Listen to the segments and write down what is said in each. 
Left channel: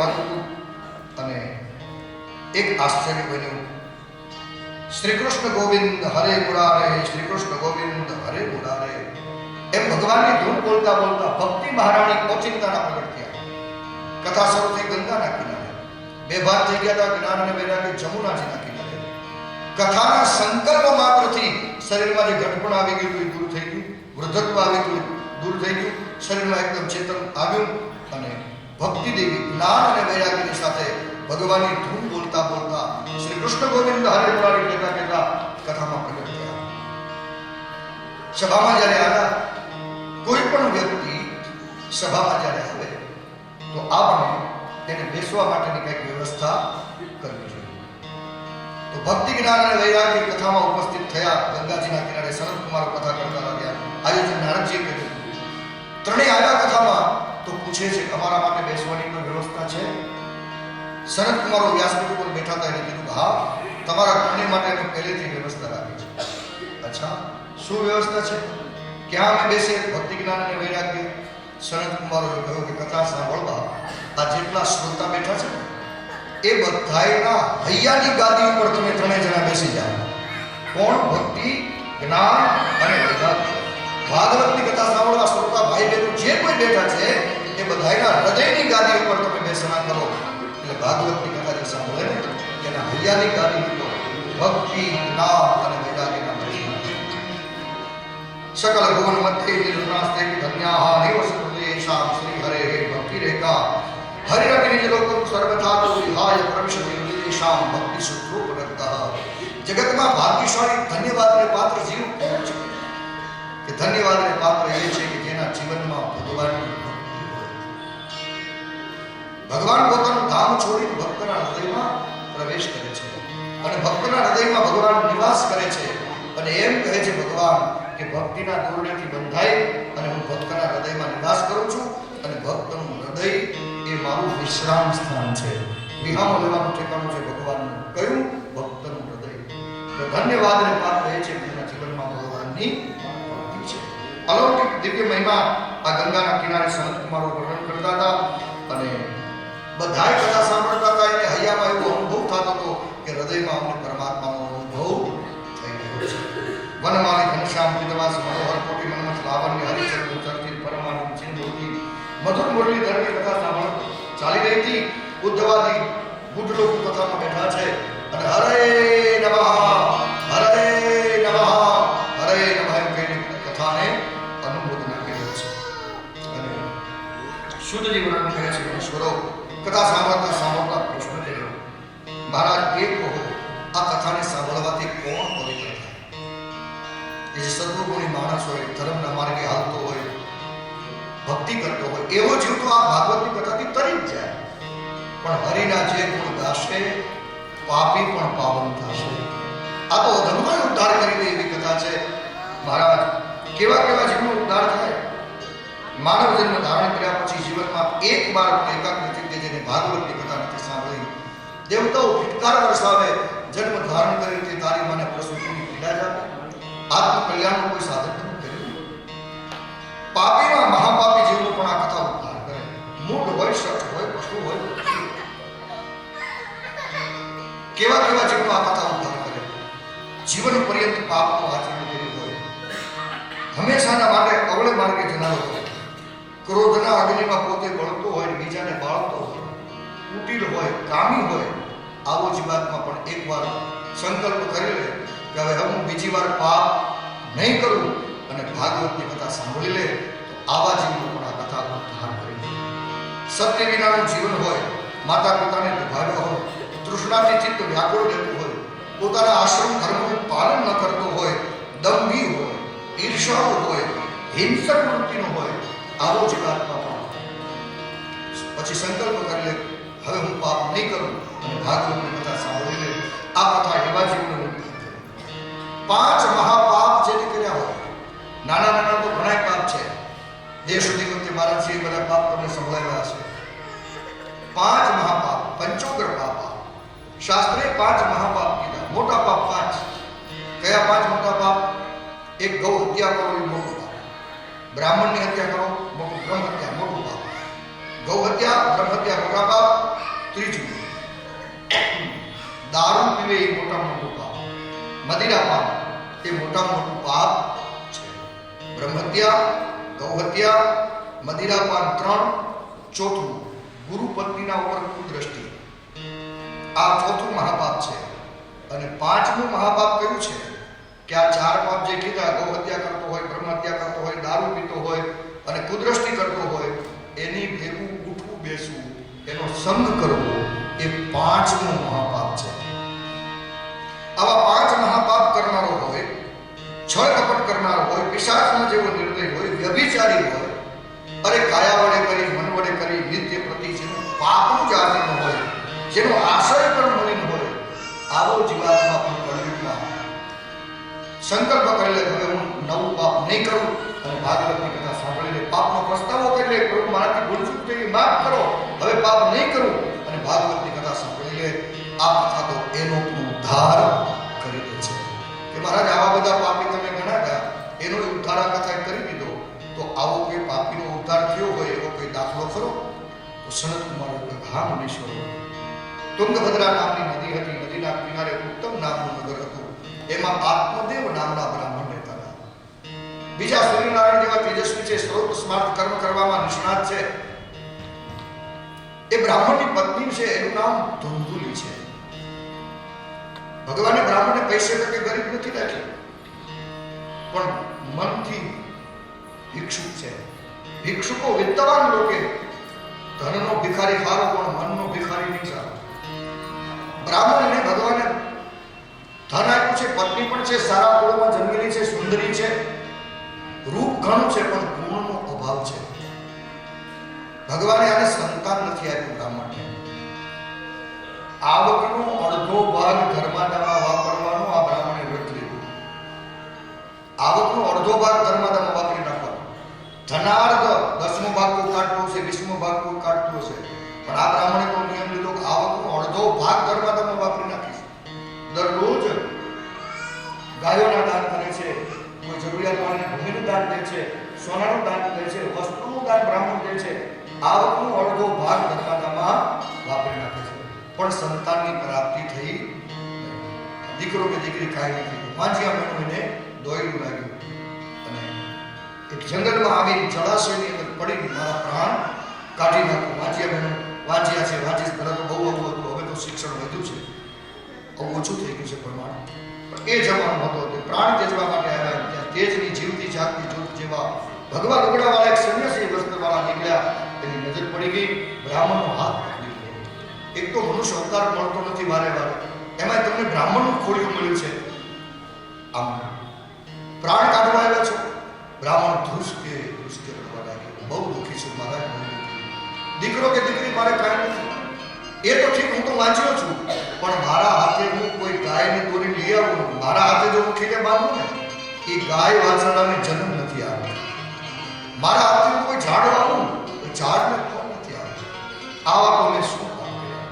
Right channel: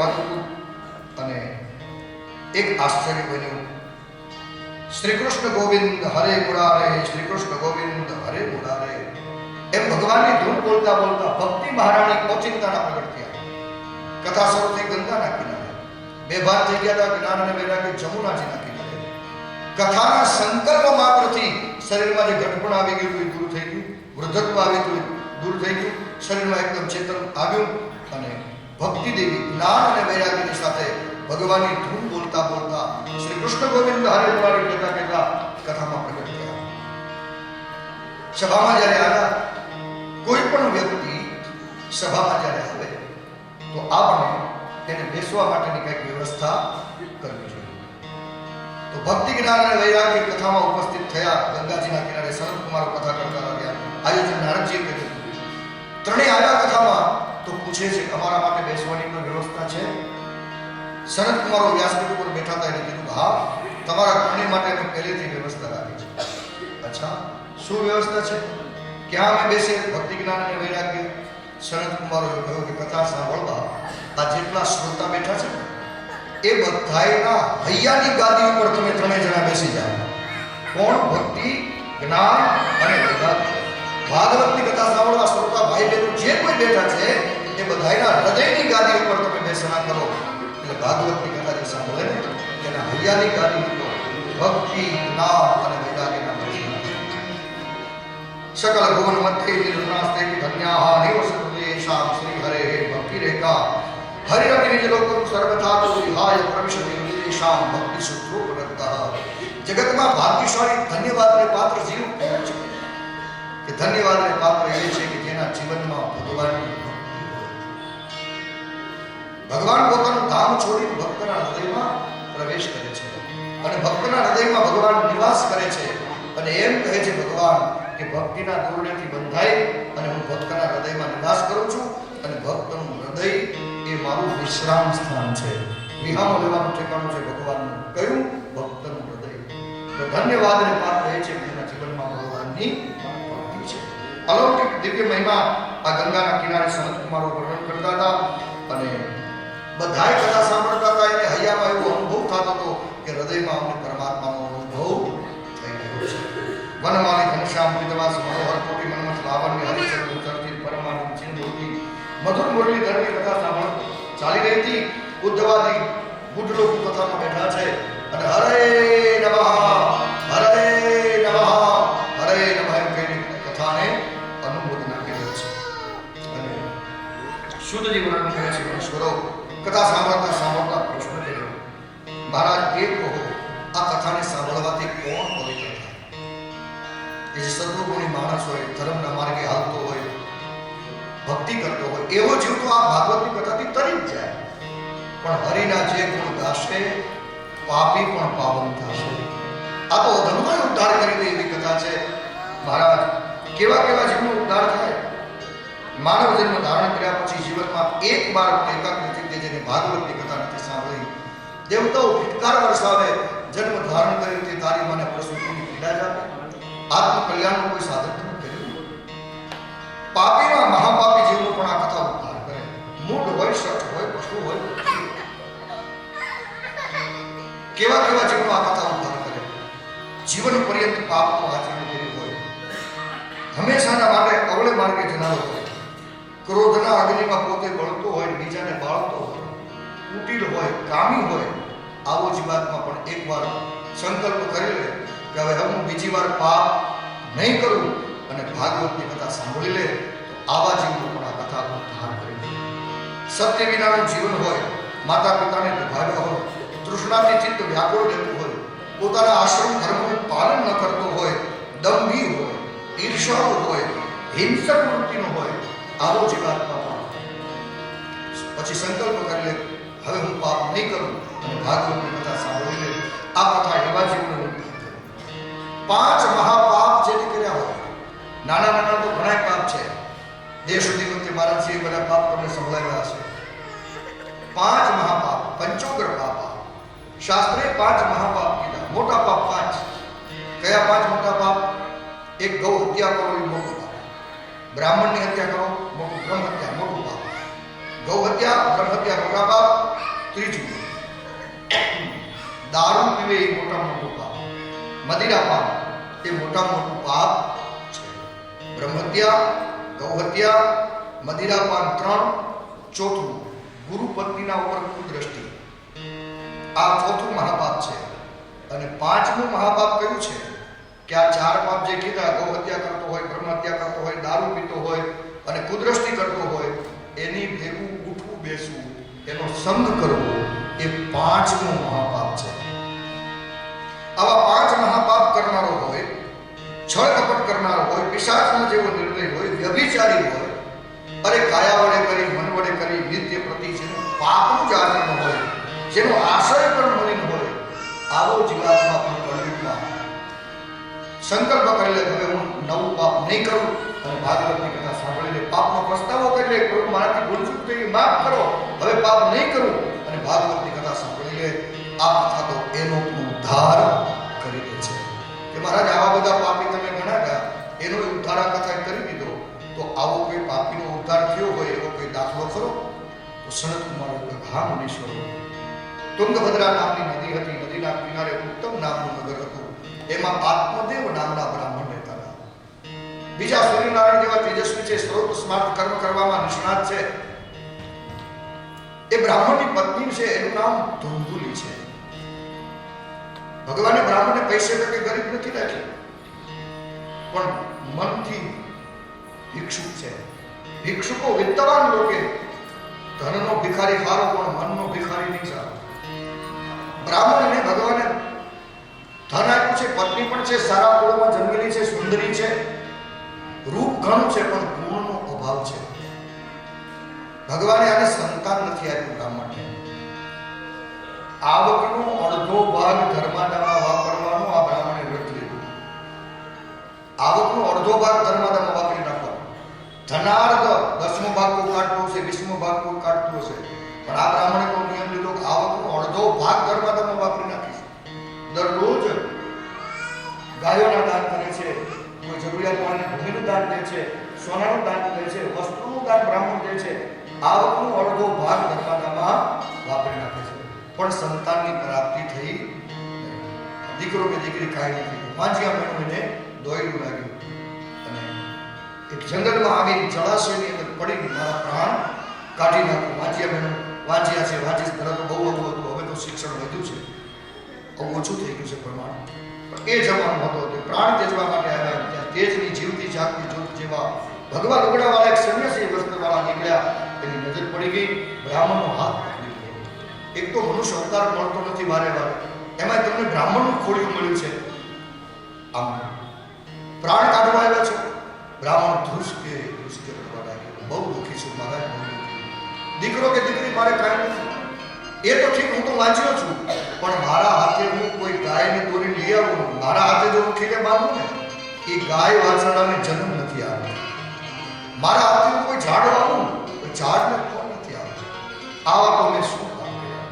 કહેવાતું હતું અને એક આશ્ચર્ય બન્યું. શ્રી કૃષ્ણ ગોવિંદ હરે મુરારે, શ્રી કૃષ્ણ ગોવિંદ હરે મુરારે એમ ભગવાનની ધૂન બોલતા બોલતા ભક્તિ મહારાણી ઓચિંતાના પ્રગટ થયા. કથા શરૂ થઈ ગંગાના કિનારે, બે ભાગ થઈ ગયા હતા, જ્ઞાન અને વૈરાગ્ય જમુનાજીના કિનારે. કથાના સંકલ્પ માત્રથી શરીરમાં જે ઘટપણ આવી ગયું એ દૂર થઈ ગયું, વૃદ્ધત્વ આવી ગયું દૂર થઈ ગયું, શરીરમાં એકદમ ચેતન આવ્યું અને ભક્તિ દેવી જ્ઞાન અને વૈરાગ્યની સાથે ભગવાનની ધૂન બોલતા બોલતા શ્રી કૃષ્ણ ગોવિંદ હરે મુરારી કહેતા કહેતા કથામાં પ્રગટ થયા. સભામાં જ્યારે આવ્યા, કોઈ પણ વ્યક્તિ સભામાં જ્યારે આવે તો આપણે તેને બેસવા માટેની કંઈક વ્યવસ્થા કરવી જોઈએ. તો ભક્તિ જ્ઞાન અને વૈરાગ્ય કથામાં ઉપસ્થિત થયા. ગંગાજીના કિનારે સનત કુમારો કથા કરતા રહ્યા. આયોજન નારદજીએ કર્યું. ત્રણેય આવ્યા કથામાં તો પૂછે છે કે અમારા માટે બેસવાની કોઈ વ્યવસ્થા છે? સનત કુમારો વ્યાસપીઠ ઉપર બેઠા હતા એટલે કીધું હા, તમારા ત્રણેય માટે અમે પહેલેથી વ્યવસ્થા રાખી છે. અચ્છા, શું વ્યવસ્થા છે? ક્યાં અમે બેસે? ભક્તિ જ્ઞાન અને વૈરાગ્ય. સનત કુમારોએ કહ્યું કે કથા સાંભળવા આ જેટલા શ્રોતા બેઠા છે ને એ બધાયના હૈયાની ગાદી ઉપર તમે ત્રણેય જણા બેસી જાઓ. કોણ? ભક્તિ જ્ઞાન અને વૈરાગ્ય. ભાગવતની કથા સાંભળવા શ્રોતા ભાઈ બહેનો જે કોઈ બેઠા છે એ બધાયના હૃદયની ગાદી ઉપર તમે બેસણા કરો. એટલે ભાગવતની કથા જે સાંભળે ને તેના હૈયાની ગાદી ઉપર ભક્તિ જ્ઞાન અને વૈરાગ્યના सकल भुवन मध्य निर्गुणास्ते धन्याः निवसतेषां श्री हरे भक्ति रेखा हरिरपि निज लोकं सर्वथा तो विहाय प्रविशति निदेशां भक्ति सूत्रोपरक्तः. जगतમાં ભાગ્યશાળી ધન્યવાદને પાત્ર જીવ કોણ છે? કે ધન્યવાદને પાત્ર એ છે કે જેના જીવનમાં ભગવાનની ભક્તિ હોય. ભગવાન પોતાનું ધામ છોડીને ભક્તના હૃદયમાં પ્રવેશ કરે છે અને ભક્તના હૃદયમાં ભગવાન નિવાસ કરે છે અને એમ કહે છે ભગવાન કે ભક્તિના દોરડેથી બંધાય અને હું ભક્તના હૃદયમાં નિવાસ કરું છું અને ભક્તનું હૃદય એ મારું વિશ્રામ સ્થાન છે. વિહામો લેવાનું ઠેકાણું છે ભગવાનનું. કયું? ભક્તનું હૃદય. તો ધન્યવાદને પાત્ર એ છે કે તેના જીવનમાં ભગવાનની ભક્તિ છે. અલૌકિક દિવ્ય મહિમા આ ગંગાના કિનારે સનત કુમારો વર્ણન કરતા હતા અને બધાય કથા સાંભળતા હતા. એને હૈયામાં એવો અનુભવ થતો હતો કે હૃદયમાં અમને પરમાત્માનો અનુભવ થઈ રહ્યો છે. વનમાલી ઘનશ્યામ વિદ્વાસ મનોહર કોટી મનમથ લાવણ્ય હરિચંદ્ર ચર્ચિત પરમાનંદ ચિંતોતી મધુર મુરલીધરની કથા સાંભળ ચાલી રહી હતી. ઉદ્ધવાદી બુદ્ધ લોકો કથામાં બેઠા છે અને હરે નમઃ હરે નમઃ હરે નમઃ એમ કહીને કથાને અનુમોદન આપી રહ્યો છે. અને શુદ્ધજી વર્ણન કરે છે ઈશ્વરો કથા સાંભળતા સાંભળતા પ્રશ્ન કર્યો, મહારાજ એ કહો આ કથાને સાંભળવાથી કોણ પવિત્ર થાય? જે સદગુણી માણસ હોય, ધર્મના માર્ગે હાલતો હોય, ભક્તિ કરતો હોય એવો જીવ તો આ ભાગવતની કથાથી તરી જ જાય. પણ હરિના જે ગુણ ગાશે પાપી પણ પાવન થશે. આ તો અધર્મનો ઉદ્ધાર કરી દે એવી કથા છે. મહારાજ કેવા કેવા જીવનો ઉદ્ધાર થાય? માનવ જન્મ ધારણ કર્યા પછી જીવનમાં એક વાર એકાગ્રચિત્તે જેને ભાગવતની કથા નથી સાંભળી, દેવતાઓ ફિટકાર વરસાવે, જન્મ ધારણ કરી તે તારી મને પ્રસૂતિની પીડા જ આપે. આત્મકલ્યાણનું કોઈ સાધન તમે કર્યું? પાપીના મહાપાપી જીવનું પણ આ કથા ઉદ્ધાર કરે. મૂળ હોય, શઠ હોય, પશુ હોય, કેવા કેવા જીવનો આ કથા ઉદ્ધાર કરે. જીવન પર્યંત પાપનું આચરણ કર્યું હોય, હંમેશાના માટે અવળે માર્ગે જનારો હોય, ક્રોધના અગ્નિમાં પોતે બળતો હોય, બીજાને બાળતો હોય, કુટિલ હોય, કામી હોય, આવો જીવાતમાં પણ એકવાર સંકલ્પ કરી લે કે હવે હું બીજી વાર પાપ નહીં કરું અને ભાગવતની કથા સાંભળી લે તો આવા જીવનો પણ આ કથા ઉદ્ધાર કરી દે. સત્ય વિનાનું જીવન હોય, માતા પિતાને દુભાવ્યા હોય, તૃષ્ણાથી ચિત્ત વ્યાકુળ રહેતું હોય, પોતાના આશ્રમ ધર્મનું પાલન ન કરતો હોય, દંભી હોય, ઈર્ષાળુ હોય, હિંસક વૃત્તિનો હોય, આવો જીવાત્મા પણ પછી સંકલ્પ કરી લે હવે હું પાપ નહીં કરું અને ભાગવતની કથા સાંભળી લે. આ કથા એવા જીવનો પાંચ મહાપાપ જેને કર્યા હોય, નાના નાના તો ઘણા પાપ છે. દેશ સુધી વખતે મહારાજશ્રી બધા પાપ તમને સંભળાવ્યા હશે. પાંચ મહાપાપ, પંચોગ્ર પાપ. શાસ્ત્રે પાંચ મહાપાપ કીધા. મોટા પાપ પાંચ. કયા પાંચ મોટા પાપ? એક ગૌ હત્યા કરો એ મોટું પાપ. બ્રાહ્મણની હત્યા કરો મોટું, બ્રહ્મ હત્યા મોટું પાપ. ગૌ હત્યા, બ્રહ્મ હત્યા મોટા પાપ. ત્રીજું, દારૂ પીવે એ મોટામાં મોટું પાપ, મદિરાપાન એ મોટામાં મોટું પાપ છે. બ્રહ્મહત્યા, ગૌહત્યા, મદિરાપાન 3. ચોથું, ગુરુ પત્નીના ઉપર કુદ્રષ્ટિ, આ ચોથું મહાપાપ છે. અને 5મું મહાપાપ કયું છે કે આ 4 પાપ જે કીધા, ગૌહત્યા કરતો હોય, બ્રહ્મહત્યા કરતો હોય, દારૂ પીતો હોય અને કુદ્રષ્ટિ કરતો હોય, એની ભેગું ઉઠવું બેસવું, એનો સંગ કરવો, એ 5મું મહાપાપ છે. આવા 5 મહાપાપ કરનારો હોય, છળ કપટ કરનારો હોય, પિશાચનો જેવો નિર્દય હોય, વ્યભિચારી હોય, અરે કાયા વડે કરી, મન વડે કરી, નિત્ય પ્રતિ જેનું પાપનું જ આચરણ હોય, જેનો આશય પણ મલિન હોય, આવો જીવાત્મા પણ કળયુગમાં સંકલ્પ કરી લે, હવે હું નવું પાપ નહીં કરું, અને ભાગવતની કથા સાંભળી લે, પાપનો પસ્તાવો કરી લે, પ્રભુ મારાથી ભૂલચૂક થઈ, માફ કરો, હવે પાપ નહીં કરું, અને ભાગવતની કથા સાંભળી લે, આ કથા તો એનો ઉદ્ધાર કરી દે છે કે મહારાજ આવા બધા પાપી તમે ઘણા ગયા, એનો ઉદ્ધાર આ કથા કરી દીધો. તો આવો કોઈ પાપીનો ઉદ્ધાર થયો હોય એવો કોઈ દાખલો ખરો? તો સનત કુમાર હા મુનીશ્વર, તુંગભદ્રા નામની નદી હતી, નદીના કિનારે ઉત્તમ નામનું નગર હતું, એમાં આત્મદેવ નામના બ્રાહ્મણ રહેતા હતા. બીજા સૂર્યનારાયણ જેવા તેજસ્વી છે, સ્ત્રોત સ્માર્ટ કર્મ કરવામાં નિષ્ણાત છે. એ બ્રાહ્મણની પત્ની છે, એનું નામ ધુંધુલી છે. ભગવાને બ્રાહ્મણને પૈસે કે ગરીબ નથી રાખ્યો, પણ મનથી ભિક્ષુક છે. ભિક્ષુકો વિદ્વાન લોકે ધનનો ભિખારી સારો, પણ મનનો ભિખારી નહીં સારો. બ્રાહ્મણને ભગવાને ધન આપ્યું છે, પત્ની પણ છે, સારા કુળમાં જન્મેલી છે, સુંદરી છે, રૂપ ઘણું છે, પણ ગુણનો અભાવ છે. ભગવાને આને સંતાન નથી આપ્યું. બ્રાહ્મણને આવકનો અડધો ભાગ ધર્માદામાં વાપરવાનો આ બ્રાહ્મણે વ્રત લીધું. આવકનો અડધો ભાગ ધર્માદામાં વાપરી નાખવાનો. ધનાર્ધ 10મો ભાગ કોઈ કાઢતો હશે, 20મો ભાગ કોઈ કાઢતો હશે, પણ આ બ્રાહ્મણે તો નિયમ લીધો કે આવકનો અડધો ભાગ ધર્માદામાં વાપરી નાખીશ. દરરોજ ગાયોના દાન કરે છે, કોઈ જરૂરિયાતવાળાને ભૂમિનું દાન દે છે, સોનાનું દાન દે છે, વસ્ત્રોનું દાન બ્રાહ્મણ દે છે. આવકનો અડધો ભાગ ધર્માદામાં વાપરી નાખે છે, પણ સંતાનની પ્રાપ્તિ થઈ. દીકરો કે દીકરી કાંઈ નથી. વાંજિયા મેળવીને દોયડું લાગ્યું અને એક જંગલમાં આવીને જળાશયની અંદર પડીને મારા પ્રાણ કાઢી નાખો. વાંજિયા મેળવ વાંજિયા છે, વાંચી પહેલાં તો બહુ હતું, હવે તો શિક્ષણ વધ્યું છે, હવે ઓછું થઈ ગયું છે પ્રમાણ. પણ એ જમાનો હતો તે પ્રાણ તેજવા માટે આવ્યા. ત્યાં તેજની જીવતી જાગતી જ્યોત જેવા ભગવાન લુગડાવાળા એક સન્યાસી વસ્ત્રવાળા નીકળ્યા. એની નજર પડી ગઈ, બ્રાહ્મણનો હાથ પકડી ગયો. એક તો મનુષ્ય અવતાર મળતો નથી વારે વારે, એમાં તમને બ્રાહ્મણનું ખોડિયું મળ્યું છે. આમ પ્રાણ કાઢવા આવ્યા છો. બ્રાહ્મણ ધ્રુસકે કરવા લાગ્યો, બહુ દુઃખી છું મહારાજ, બહુ દુઃખી. દીકરો કે દીકરી મારે કાંઈ નથી. એ તો ઠીક, હું તો વાંચ્યો છું, પણ મારા હાથે હું કોઈ ગાયની દોરી લઈ આવું, મારા હાથે જો હું ખીલે બાંધું ને, એ ગાય વાછરડાને જન્મ નથી આવ્યો. મારા હાથે હું કોઈ ઝાડ વાવું, કોઈ ઝાડને ફળ નથી આવ્યો. આવા તો મેં શું કામ કર્યા?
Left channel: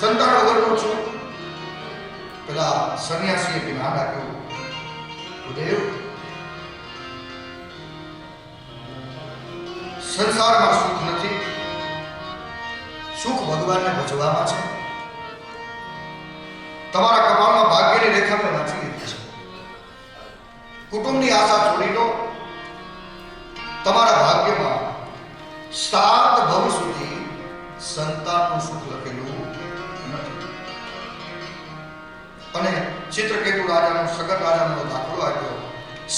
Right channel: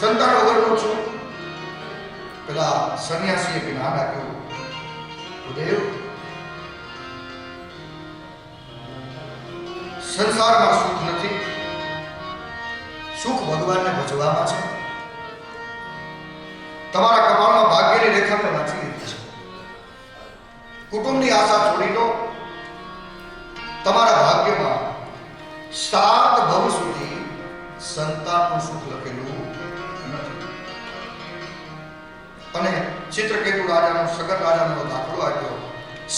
સંતાન વગરનો છું. પેલા સન્યાસીએ જ્ઞાન આપ્યું, દેવ સંસારમાં સુખ નથી, સુખ ભગવાનને ભજવામાં છે. તમારા કપાળમાં ભાગ્યની રેખા મેં વાંચી લીધી છે. કુટુંબની આશા છોડી દો. તમારા ભાગ્યમાં 7 ભવ સુધી સંતાનનું સુખ લખેલું નથી. અને ચિત્રકેતુ રાજાનો, સગર રાજાનો દાખલો આપ્યો.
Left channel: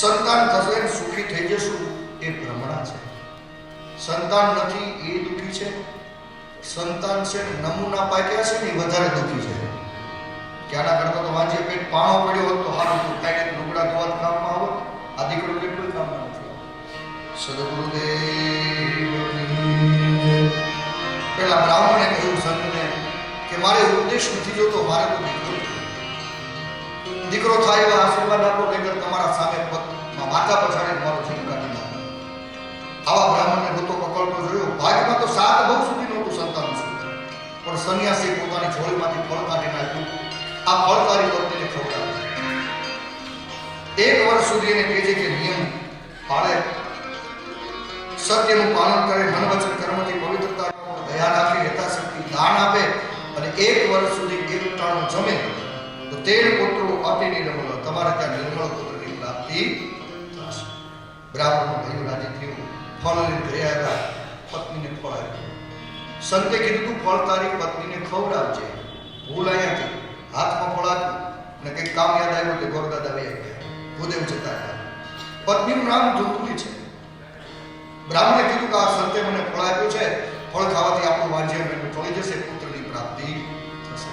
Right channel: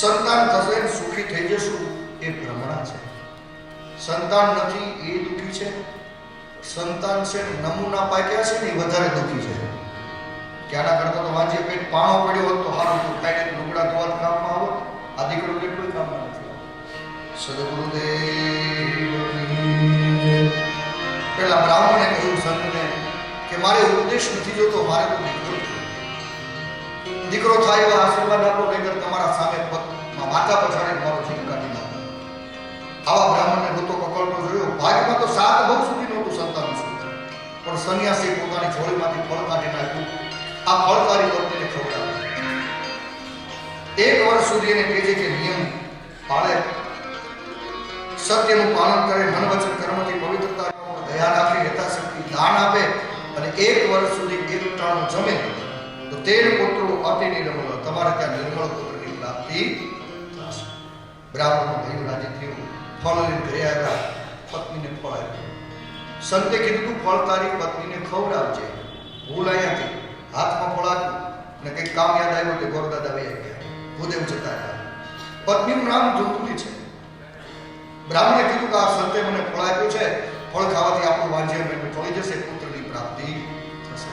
સંતાન થશે સુખી થઈ જશું, એ ભ્રમણા છે. સંતાન નથી એ દુઃખી છે. સંતાન છે નમૂના પાક્યા છે ને એ વધારે દુઃખી છે. કે આના કરતા તો વાંચીએ પેટ પાણો પડ્યો હોત તો સારું હતું, કાંઈ લુગડા ધોવા કામમાં આવત. આ દીકરો કેટલું કામમાં નથી. સદગુરુદેવ પેલા બ્રાહ્મણે કહ્યું સંતને કે મારે ઉપદેશ નથી જોતો, મારે તો દીકરો થાય એવા આશીર્વાદ આપો, નહીતર તમારા સામે માથા પછાડી મારો જીવ કાઢી નાખો. આવા બ્રાહ્મણને ગોતો પકડતો જોયો. ભાગમાં તો 7 ભવ સુધી નહોતું સંતાન સુખ, પણ સન્યાસી પોતાની જોડીમાંથી ફળ કાઢી નાખ્યું. આ ફળકારી પત્નીને ખવડાવ્યું. 1 વર્ષ સુધી એને કહે છે કે નિયમ પાળે, સત્યનું પાલન કરે, મન વચન કર્મથી પવિત્રતા, દયા રાખે, યથાશક્તિ દાન આપે અને 1 વર્ષ સુધી એક ટાણું જમે તો 13 પુત્રો અતિ નિર્મળ, તમારે ત્યાં નિર્મળ પુત્રની પ્રાપ્તિ થશે. બ્રાહ્મણનું ભયું રાજી થયું, ફળ લઈને ઘરે આવ્યા, પત્નીને ફળ આપ્યું. સંતે કીધું તું ફળ તારી પત્નીને ખવડાવજે. ભૂલ અહીંયાથી, હાથમાં ફળ આપ્યું અને કંઈક કામ યાદ આવ્યું કે ગોરદાદા વહી ગયા, ભૂદેવ જતા રહ્યા. પત્નીનું નામ ધુંધુલી છે. બ્રાહ્મણે કીધું કે આ સંતે મને ફળ આપ્યું છે, ફળ ખાવાથી આપણું વાંજ્ય ફળી જશે, પુત્રની પ્રાપ્તિ થશે.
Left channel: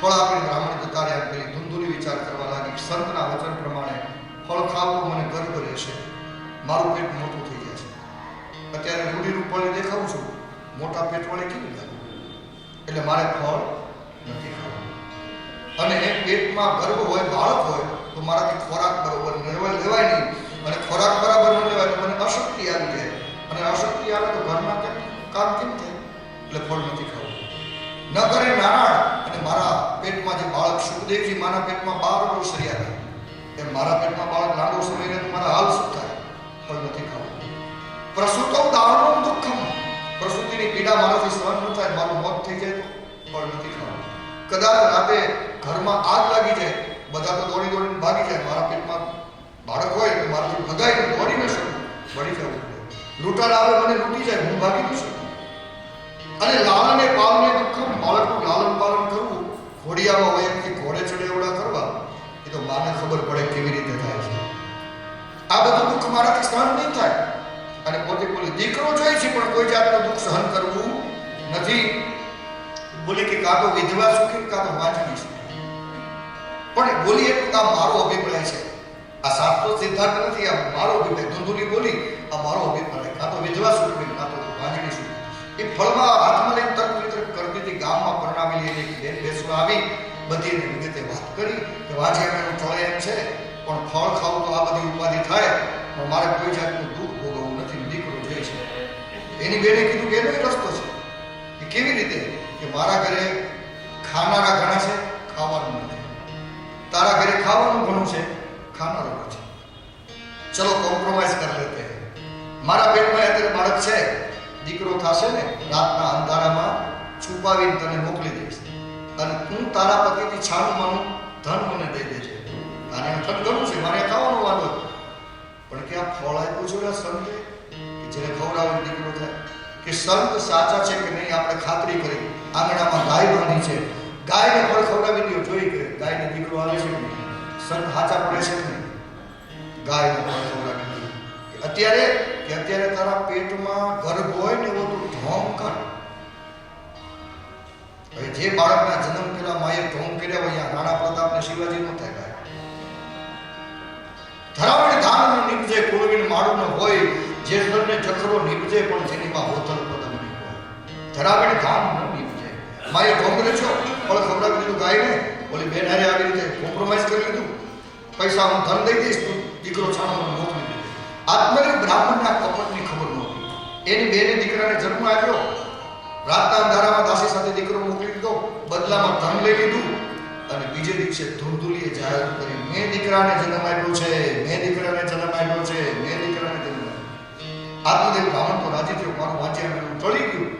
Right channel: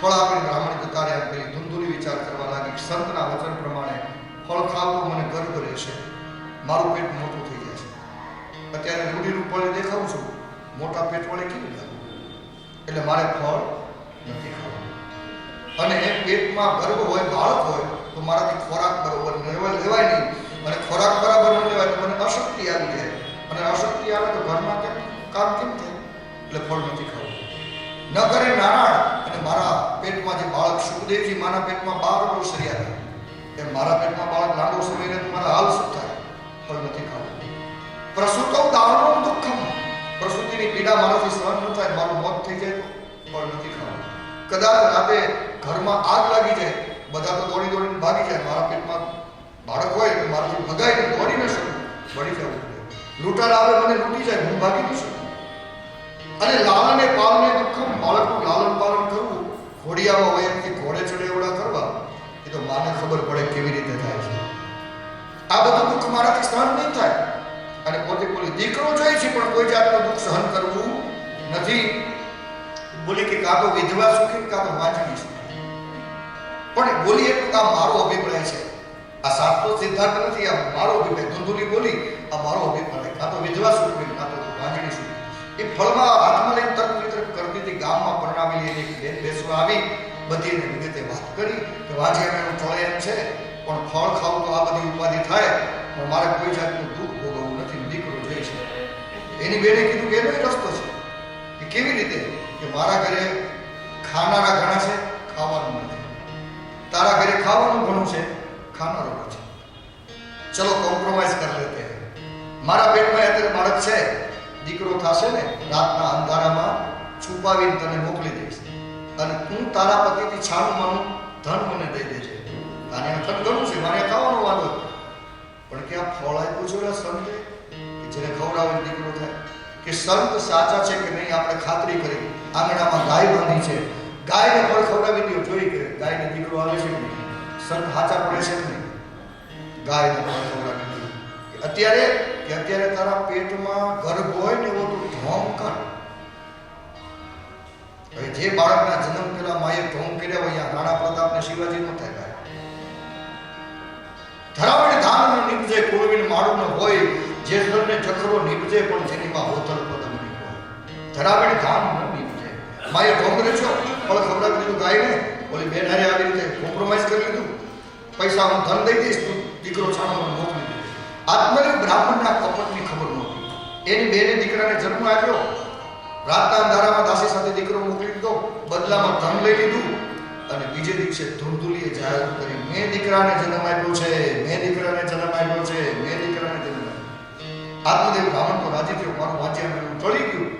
ફળ આપીને બ્રાહ્મણે જતા રહ્યા. પેલી ધુંધુલી વિચાર કરવા લાગી, સંતના વચન પ્રમાણે ફળ ખાવ તો મને ગર્વ રહેશે, મારું પેટ મોટું થઈ જશે. અત્યારે રૂઢિરૂપ ફળ દેખાવું છું, મોટા પેટ વડે કેવી લાગુ, એટલે મારે ફળ નથી ખાવું. અને પેટમાં ગર્ભ હોય, બાળક હોય તો મારાથી ખોરાક બરોબર લેવાય નહીં, અને ખોરાક બરાબર ન લેવાય તો મને અશક્તિ આવી જાય, અને અશક્તિ આવે તો ઘરમાં કામ કેમ થાય, એટલે ફળ નથી ખાવું. ન કરે નારાયણ, અને મારા પેટમાં જે બાળક સુખદેવજી માના પેટમાં 12 વર્ષ રહ્યા હતા, એમ મારા પેટમાં બાળક લાંબો સમય રહે તો મારા હાલ શું થાય, ફળ નથી ખાવું. પ્રસૂતૌ દારુણમ દુઃખમ, પ્રસૂતિની પીડા મારાથી સહન ન થાય, મારું મોત થઈ જાય તો ફળ નથી ખાવું. કદાચ રાતે ઘરમાં આગ લાગી જાય, બધા તો દોડીને ભાગી જાય, મારા પેટમાં બાળક હોય તો મારાથી ભગાઈને દોડી ન શકું, બળી જવું પડે. લૂંટાર આવે મને લૂંટી જાય, હું ભાગી ન શકું. અને લાલને પાલને દુઃખમ, બાળકનું લાલન પાલન કરવું, ઘોડિયામાં હોય એમથી ઘોડે ચડે એવડા કરવા, એ તો માને ખબર પડે કેવી રીતે થાય છે. આ બધું દુઃખ મારાથી સહન નહીં થાય. અને પોતે બોલી દીકરો જોઈએ છે પણ કોઈ જાતનું દુઃખ સહન કરવું નથી. બોલી કે કાં તો વિધવા સુખી, કાં તો વાંચવી સુખી. પણ બોલી એટલું આ મારો અભિપ્રાય છે, આ સાચો સિદ્ધાંત નથી, આ મારો અભિપ્રાય. ધુંધુલી બોલી આ મારો અભિપ્રાય, કાં તો વિધવા સુખી, કાં તો વાંચવી સુખી. એ ફળમાં હાથમાં લઈને તર્ક વિતર્ક કરતી હતી. ગામમાં પરણાવેલી એની બેન બેસવા આવી, બધી એને વિગતે વાત કરી કે વાંચિયા એનું ચળે એમ છે, પણ ફળ ખાવું તો આ બધી ઉપાધિ થાય, પણ મારે કોઈ જાતનું દુઃખ ભોગવવું નથી, દીકરો જોઈએ છે. એની બેને કીધું કે એનો રસ્તો છે. એ કેવી રીતે કે મારા ઘરે ખાનારા ઘણા છે, ખાવાનું નથી. તારા ઘરે ખાવાનું ઘણું છે, ખાનારો નથી. ચલો કોમ્પ્રોમાઇઝ કરી લેતે. મારા પેટમાં અત્યારે બાળક છે, દીકરો થશે ને, રાતના અંધારામાં છુપાવીને તને મોકલી દઈશ, અને હું તારા પતિથી છાણું માનું ધન મને દઈ દેજે. આને ધન ઘણું છે, મારે ખાવાનું વાંધો, પણ કે આ ફળ આપ્યું છે ઓલા સંતે કે જેને ખવડાવે દીકરો થાય, કે સંત સાચા છે કે નહીં આપણે ખાતરી કરી. આંગણામાં ગાય બાંધી છે, ગાયને ફળ ખવડાવી દો, જોઈ કે ગાયને દીકરો આવે છે કે નહીં, સંત સાચા પડે છે કે નહીં. ગાયને ફળ ખવડાવી દો. અત્યારે તારા પેટમાં ગર્ભ હોય ને એવો તું ઢોંગ કર. હવે જે બાળકના જન્મ પહેલા માએ ઢોંગ કર્યા હોય, રાણા પ્રતાપ ને શિવાજી નો થાય. ધરાવણી ધાન ન નીપજે, કુળવીન માળું ન હોય, જે સ્તરને ચખરો નીપજે, પણ જેની માં હોતલ પદમ નહીં હોય. ધરાવણી ધાન ન નીપજે. માએ ઢોંગ રેછો, ફળ ખવડાવી દીધું ગાયને, ઓલી બેન હારે આવી રીતે કોમ્પ્રોમાઇઝ કરી લીધું, પૈસા હું ધન દઈ દઈશ, તું દીકરો છાણો મોકલી દે. આત્મનિર્ભર બ્રાહ્મણના કપટની ખબર નહોતી. એની બેને દીકરાને જન્મ આપ્યો, રાતના અંધારામાં દાસી સાથે દીકરો મોકલી દીધો, બદલામાં ધન લઈ લીધું, અને બીજે દિવસે ધુંધુલીએ જાહેર કરી, મેં દીકરાને જન્મ આપ્યો છે, મેં દીકરાને જન્મ આપ્યો છે, મેં દીકરાને જન્મ આપ્યો. આત્મદેવ બ્રાહ્મણ તો રાજી થયો, મારું વાંચ્યા મેળવું ટળી ગયું.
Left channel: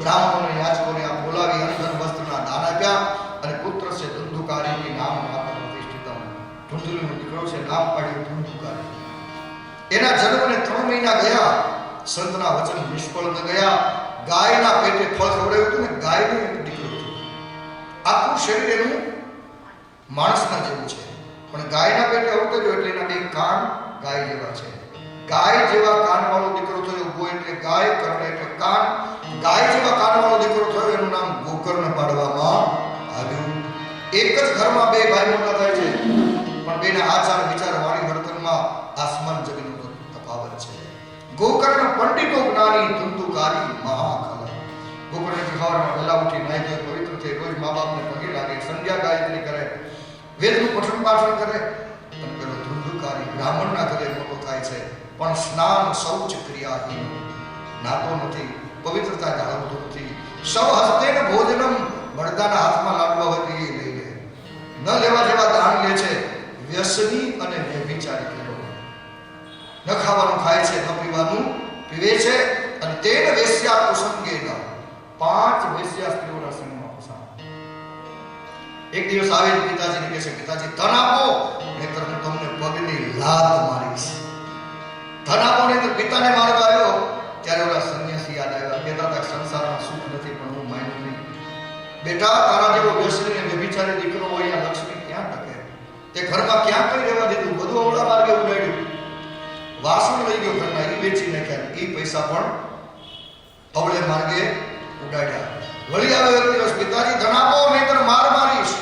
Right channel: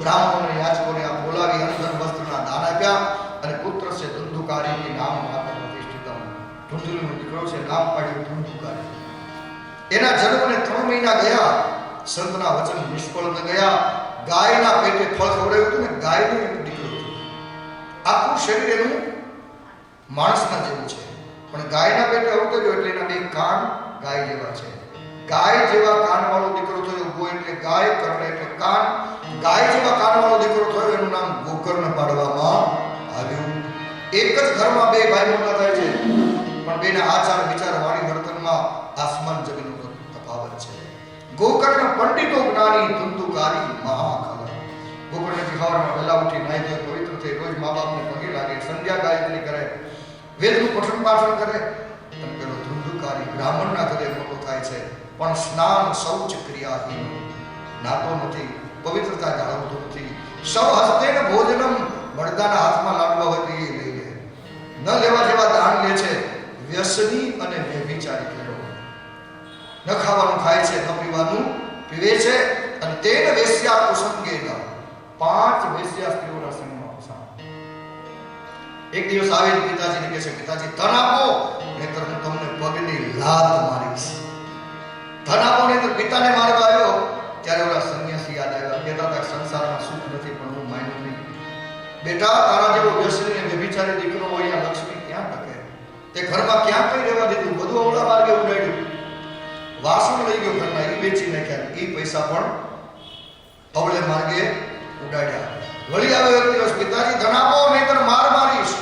બ્રાહ્મણોને યાચકોને આ બોલાવી અનધન વસ્ત્રના દાન આપ્યા, અને પુત્ર છે ધુંધુકારી, નામ માતા પ્રતિષ્ઠિતમ. ધુંધુલીનો દીકરો છે, નામ પાડ્યું ધુંધુકારી. એના જન્મને 3 મહિના ગયા, સંતના વચન નિષ્ફળ ન ગયા. ગાયના પેટે ફળ ખવડાવ્યું હતું ને, ગાયનો એક દીકરો હતો. આખું શરીર એનું માણસના જેવું છે, પણ ગાયના પેટે અવતર્યો એટલે એના 2 કાન ગાય જેવા છે. ગાય જેવા કાન વાળો દીકરો થયો. ગો એટલે ગાય, કર્ણ એટલે કાન. ગાય જેવા કાન વાળો દીકરો થયો, એનું નામ ગોકર્ણ પાડવામાં આવ્યું. એક જ ઘરમાં 2 ભાઈ મોટા થાય છે, પણ બેના આચાર વિચાર વાણી વર્તનમાં આસમાન જમીનનો તફાવત છે. ગોકર્ણ પંડિતો જ્ઞાની, ધુંધુકારી મહાખલ. ગોકર્ણથી સવારમાં વહેલા ઉઠી નાહી ધોઈ પવિત્ર થઈ રોજ મા બાપને પગે લાગે, સંધ્યા ગાયત્રી કરે, વેદનું પઠન પાઠન કરે. અને પેલો ધુંધુકારી બ્રાહ્મણના ઘરે મોટો થાય છે, પણ સ્નાન શૌચ ક્રિયાહીન, નાતો નથી, પવિત્રતા જાળવતો નથી. સૌ હસ્તેન ભોજનમ, બળદાના હાથમાં લાડવા હોય તો એ લઈ લે, ન લેવા જેવા દાન લે છે. વ્યસની અને વ્યભિચારી કહેવો, ન ખાવાનું ખાય છે, ન પીવાનું પીવે છે અને તેને વેશ્યા કુસંગે ન 5 વેશ્યા સ્ત્રીઓના સંગમાં ફસાણ. એક દિવસ આવે પિતાજીને કહે છે, પિતાજી ધન આપો નહીતર હું તમને પગની લાત મારીશ. ધન આપો નહીતર પિતાને મારવા આવ્યો ત્યારે ઓલા સંન્યાસી યાદ આવ્યા. કહેતા હતા સંસારમાં સુખ નથી પણ હું માન્યું નહીં. બેટા તારા જેવો વ્યસની અને વ્યભિચારી દીકરો હોય અહીંયા લક્ષ્મી ક્યાં ટકે? તે ઘરમાં ક્યાં કઈ રહેવા દીધું? બધું ઓલા માર્ગે ઉડાડ્યું. વાસણ લઈ ગયો ઘરના, એ વેચી નાખ્યા. એ પૈસા પણ અવળે માર્ગે ઉડાડ્યા. વળી આવ્યો એક દિવસ, પિતાજી ધન આપો નહીતર માર મારીશ.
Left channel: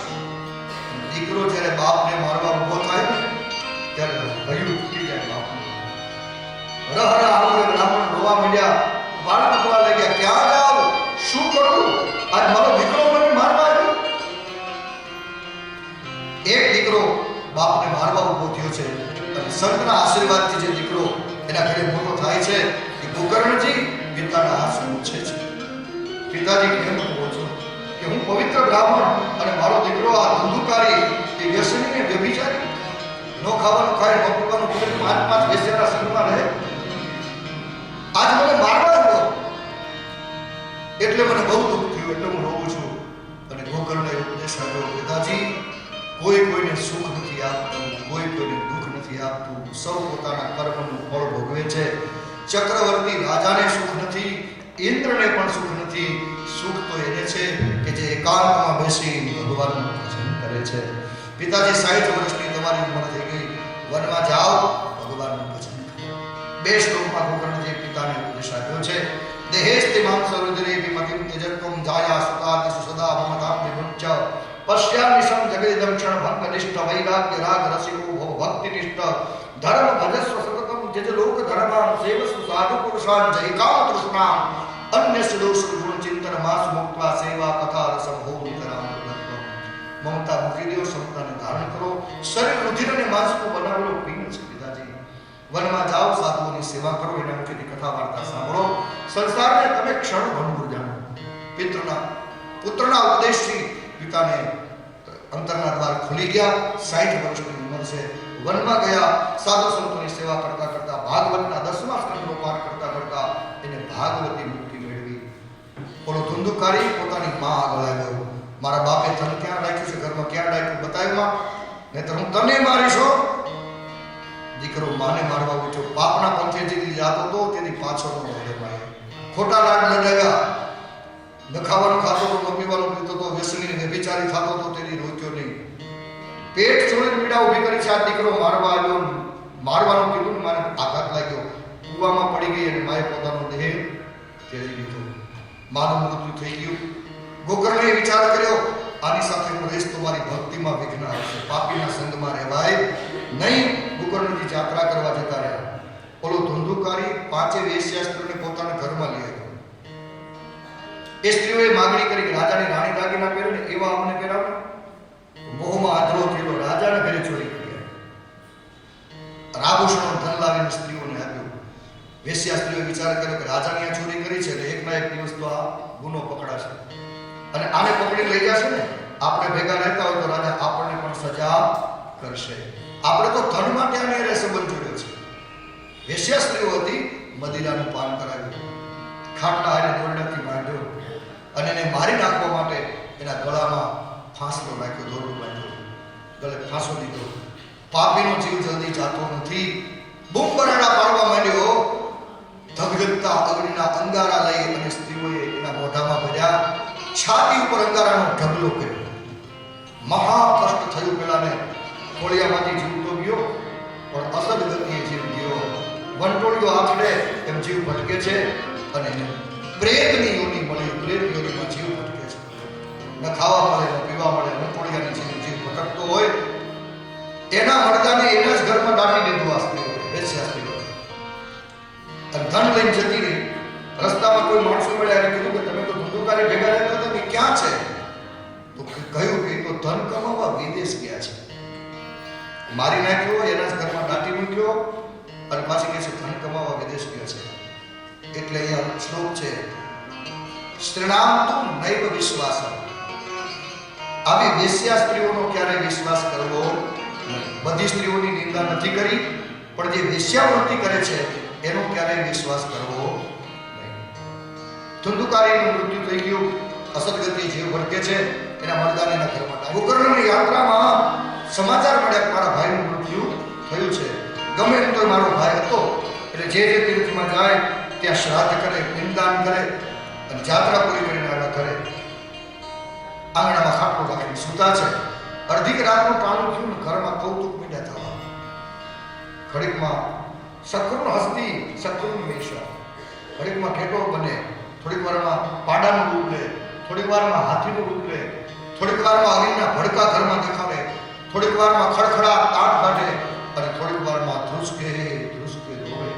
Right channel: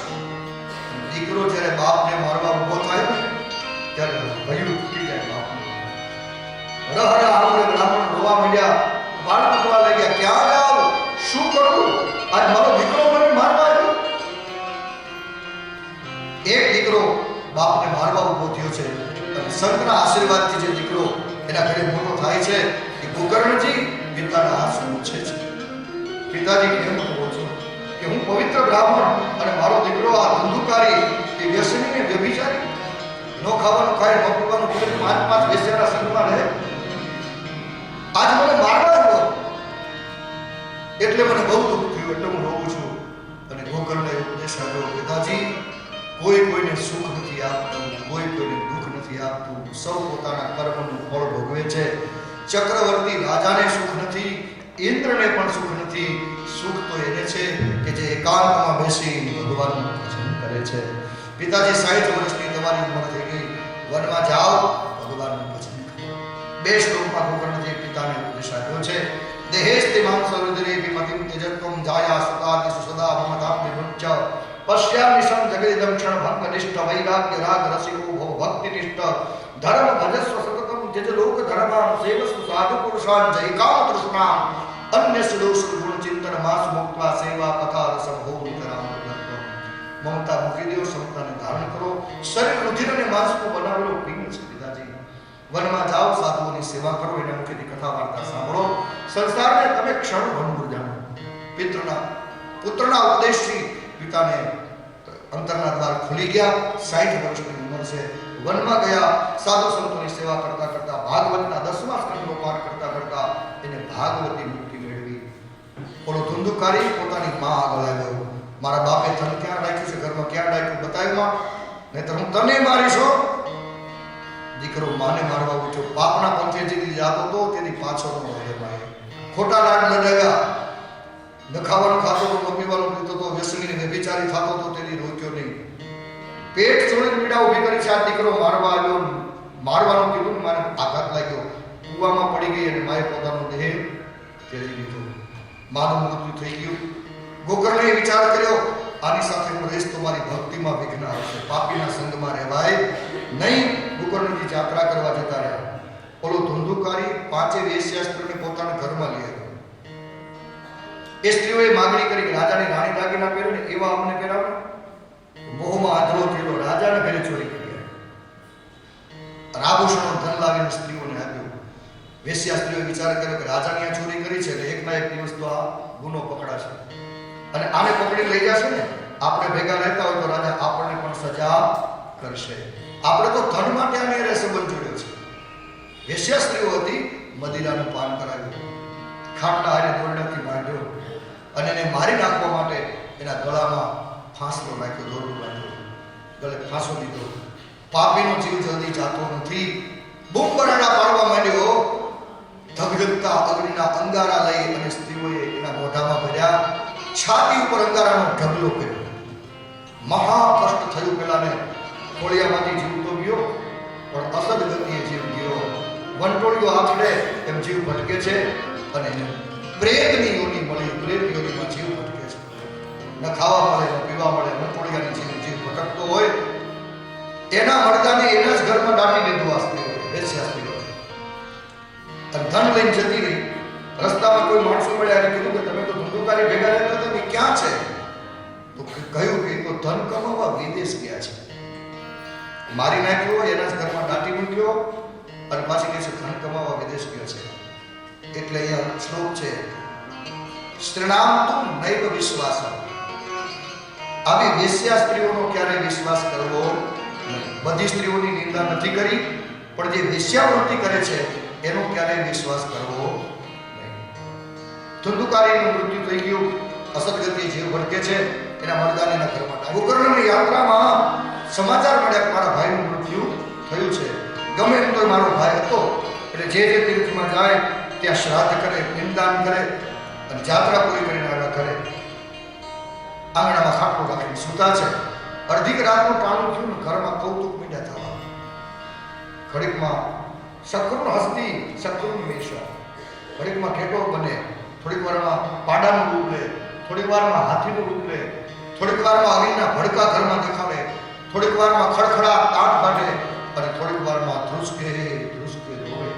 દીકરો જ્યારે બાપને મારવા ઉભો થાય ને ત્યારે ભયું તૂટી જાય બાપનું. રહરા આવડે બ્રાહ્મણ રોવા માંડ્યા, વાળ તૂટવા લાગ્યા. ક્યાં જાવ, શું કરું? આજ મારો દીકરો મને મારવા આવ્યો. એક દીકરો બાપને મારવા ઉભો થયો છે અને સંતના આશીર્વાદથી જે દીકરો એના ઘરે મોટો થાય છે એ ગોકર્ણજી પિતાના હાથ પૂછે છે, પિતાજી કેમ કહો છો કે હું પવિત્ર બ્રાહ્મણ અને મારો દીકરો આ ધંધુકારી એ વ્યસની ને વ્યભિચારી, નો ખાવાનું ખાય નો પીવાનું પીવે, 5 વેશ્યાના સંગમાં રહે, આજ મને મારવા આવ્યો એટલે મને બહુ દુઃખ થયું, એટલે હું રોઉં છું. અને ગોકર્ણએ ઉપદેશ આપ્યો, પિતાજી કોઈ કોઈને સુખ નથી આપતું, કોઈ કોઈને દુઃખ નથી આપતું, સૌ પોતાના કર્મનું ફળ ભોગવે છે. ચક્રવર્તી રાજાને સુખ નથી, ઇન્દ્રને પણ સુખ નથી. સુખ તો એને છે કે જે એકાંતમાં બેસી ભગવાનનું ભજન કરે છે. પિતાજી 60 વર્ષની તમારી ઉંમર થઈ ગઈ, વનમાં જાઓ, ભગવાનનું ભજન કરો. 2 શ્લોકમાં ગોકર્ણજી પિતાને ઉપદેશ આપ્યો છે. દેહેસ્તે માંસરુદ્રે વિમતિમ તેજત્વમ જાયા સુતાદિ સુસદા મમતામ વિમુચ્ચ પશ્યામિશમ જગદિદમ ક્ષણ ભંગનિષ્ઠ વૈરાગ્ય રાગ રસિકો ભવ ભક્તિનિષ્ઠ ધર્મ ભજસ્વ સતતમ જજ લોક ધર્માન સેવસ્વ સાધુ પુરુષાન જય કામ તૃષ્ણા અન્ય સુદોષ ગુણ ચિંતન માસ મુક્ત્વા સેવા કથા રસમ ભો નિતરામ ભગવત્વમ. મમતા મૂકી દો, સમતાને ધારણ કરો. શરીર રુધિર અને માંસનું બનાવેલો પિંડ છે. પિતાજી વનમાં જાઓ, સાધુઓની સેવા કરો, એના મુખેથી કથા વાર્તા સાંભળો. સંસારને તમે ક્ષણ ભંગુર જાણો. પુત્રના ઉપદેશથી પિતાને અંતરના દ્વાર ખુલી ગયા. 60 વર્ષની ઉંમર છે. વનમાં ગયા, સાધુ સંતોની સેવા કરતા કરતા ભાગવતના 10મા સ્કંદનો પાઠ કરતા કરતા એને ભાગવતી મુક્તિ મેળવી. ઓલો ધુંધુકારી પોતાની માં આગળ આવ્યો, મારા બાપે ધન ક્યાં રાખ્યું છે, ઘરમાં ક્યાં રાખ્યું, બતાવ્યું, નહીતર હું તને મારીશો. દીકરો માને મારવા ઉઠ્યો. પાપના પંથે જેથી જાતો હતો તેની પાછળનો હૃદયમાં ખોટા લાડ લડાવ્યા. ન ખાવાનું ખાતો હતો, ન પીવાનું પીતો હતો, વ્યસની વ્યભિચારી થતો હતો, તેની રોક્યો નહીં. પેટ છોડીને પીડા ઊભી કરી છે. આ દીકરો મારવા આવ્યો, મારવાનું કીધું ને મારે આઘાત લાગ્યો, કૂવામાં પડી ગઈ અને માએ પોતાનો દેહ ત્યજી દીધો. માનું મૃત્યુ થઈ ગયું. ગોકર્ણએ વિચાર કર્યો, આની સાથે હું રહીશ તો મારી ભક્તિમાં વિઘ્ન આવશે, પાપીના સંગમાં રહેવાય નહીં. ગોકર્ણજી યાત્રા કરવા જતા રહ્યા. ઓલો ધુંધુકારી 5 વેશ્યા સ્ત્રીઓને પોતાના ઘરમાં લઈ આવ્યો. એ સ્ત્રીઓએ માંગણી કરી કે રાજાની રાણી દાગીના પહેરે ને એવા અમને પહેરાવો. મોહમાં આંધળો થયેલો રાજાના ઘરે ચોરી કરી આભૂષણો ધન લાવીને સ્ત્રીઓને આપ્યું. વેશ્યા સ્ત્રીઓએ વિચાર કર્યો કે રાજાની આ ચોરી કરી છે એટલે એકના એક દિવસ તો આ ગુનો પકડાશે અને આને પકડી લઈ જશે ને, આપણે ભેગા રહેતા હોય તો રાજા આપણને પણ સજા કરશે. આપણે તો ધન માટે આને સંબંધ જોડ્યો છે. વેશ્યા સ્ત્રીઓ હતી, મદિરાનું પાન કરાવ્યું, ખાટલા હારે દોરડાથી બાંધ્યો અને એને મારી નાખવા માટે એના ગળામાં ફાંસલો નાખ્યો, દોરડું બાંધ્યું, ગળે ફાંસો દીધો. પાપીનો જીવ જલ્દી જાતો નથી. બૂમ બરાડા પાડવા માંડ્યો. ધગધગતા અગ્નિના અંગારા લઈ અને સ્ત્રીઓએ એના મોઢામાં ભર્યા. છાતી ઉપર અંગારાનો ઢગલો કર્યો. મહા કષ્ટ થયું. પેલાને ખોળિયામાંથી જીવ તો ગયો પણ અસદ ગતિએ જીવ ગયો. વંટોળીઓ આખડે એમ જીવ ભટકે છે અને પ્રેતની યોની મળી, પ્રેત યોનીમાં જીવ ભટકે છે. ન ખાવા મળે, ન પીવા મળે, વંટોળિયાની જીવ ભટકતો હોય. એના મરદાને એના જ ઘરમાં દાટી દીધું આ સ્ત્રીઓ, વેશ્યા સ્ત્રીઓ. અને ધન લઈને જતી રહી. રસ્તામાં કોઈ માણસો મળ્યા અને કીધું કે તમે તો ધંધુકારી ભેગા રહેતા હતા, એ ક્યાં છે? તો કહ્યું કે તો ધન કમાવા વિદેશ ગયા છે. મારી નાખ્યો, એના જ ઘરમાં દાટી મૂક્યો અને પાછી કહે છે ધન કમાવા વિદેશ ગયો છે. એટલે અહીંયા શ્લોક છે, સ્ત્રીણામ તુ નૈવ વિશ્વાસ. આવી વેશ્યા સ્ત્રીઓનો ક્યારે વિશ્વાસ કરવો નહીં. બધી સ્ત્રીઓની નિંદા નથી કરી, પણ જે વેશ્યાવૃત્તિ કરે છે એનો ક્યારેય વિશ્વાસ કરવો નહીં. ધુંધુકારીનું મૃત્યુ થઈ ગયું, અસદગતિ જીવ ભટકે છે, એના મરદાનીના ઘરમાં ગોકર્ણની યાત્રામાં સમાચાર મળ્યા કે મારા ભાઈનું મૃત્યુ થયું છે. ગમે એમ તો મારો ભાઈ હતો, એટલે જે તીર્થમાં જાય ત્યાં શ્રાદ્ધ કરે, પિંડદાન કરે અને જાત્રા પૂરી કરીને આવ્યા કરે. આંગણામાં ખાટલો રાખીને સૂતા છે. અડધી રાતનું ટાણું થયું ને ઘરમાં કૌતુક મીંડા થવા. ઘડીકમાં શક્કરનો હસ્તી, શક્કરનું વેશા, ઘડીકમાં ઘેટો બને, થોડીક વારમાં પાડાનું રૂપ લે, થોડીક વારમાં હાથીનું રૂપ લે, થોડીક વારમાં અગ્નિના ભડકા ઘરમાં દેખાડે, થોડીક વારમાં ખડખડા તાટ કાઢે અને થોડીક વારમાં ધ્રુસકે રોવે.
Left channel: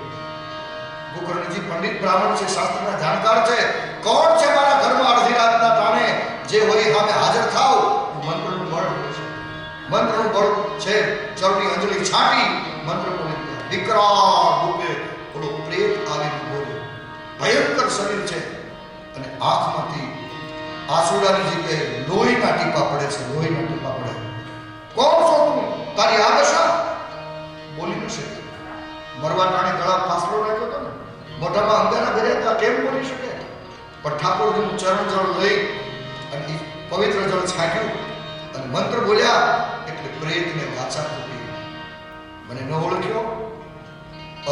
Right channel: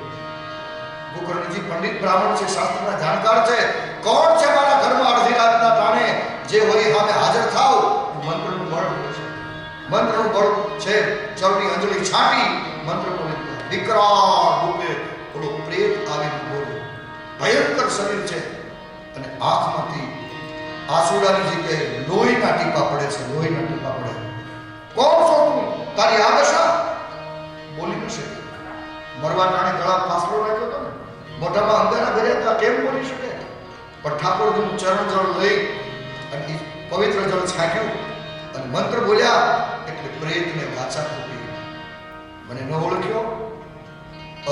ગોકર્ણજી પંડિત બ્રાહ્મણ છે, શાસ્ત્રના જાણકાર છે. કોણ છે મારા ઘરમાં અડધી રાતના ટાણે જે વળી સામે હાજર થાવ? મંત્રનું બળ છે, મંત્રનું બળ છે. ચરણી અંજલિ છાંટી મંત્ર બોલે, વિકરાળ રૂપે થોડો પ્રેત આવીને બોલે. ભયંકર શરીર છે અને આંખમાંથી આંસુડાની જગ્યાએ લોહીના ટીપા પડે છે, લોહીના ટીપા પડે. કોણ છો તું? તારી આ દશા? બોલી ન શકે. મરવા ટાણે ગળા ફાસલો રાખ્યો હતો ને, મોઢામાં અંગારા ભર્યા હતા, કેમ બોલી શકે? પણ ઠાકોરજીનું ચરણ જળ લઈ અને પવિત્ર જળ છાંટ્યું અને મંત્ર બોલ્યા એટલે પ્રેતને વાચા ફૂટી. મને ન ઓળખ્યો?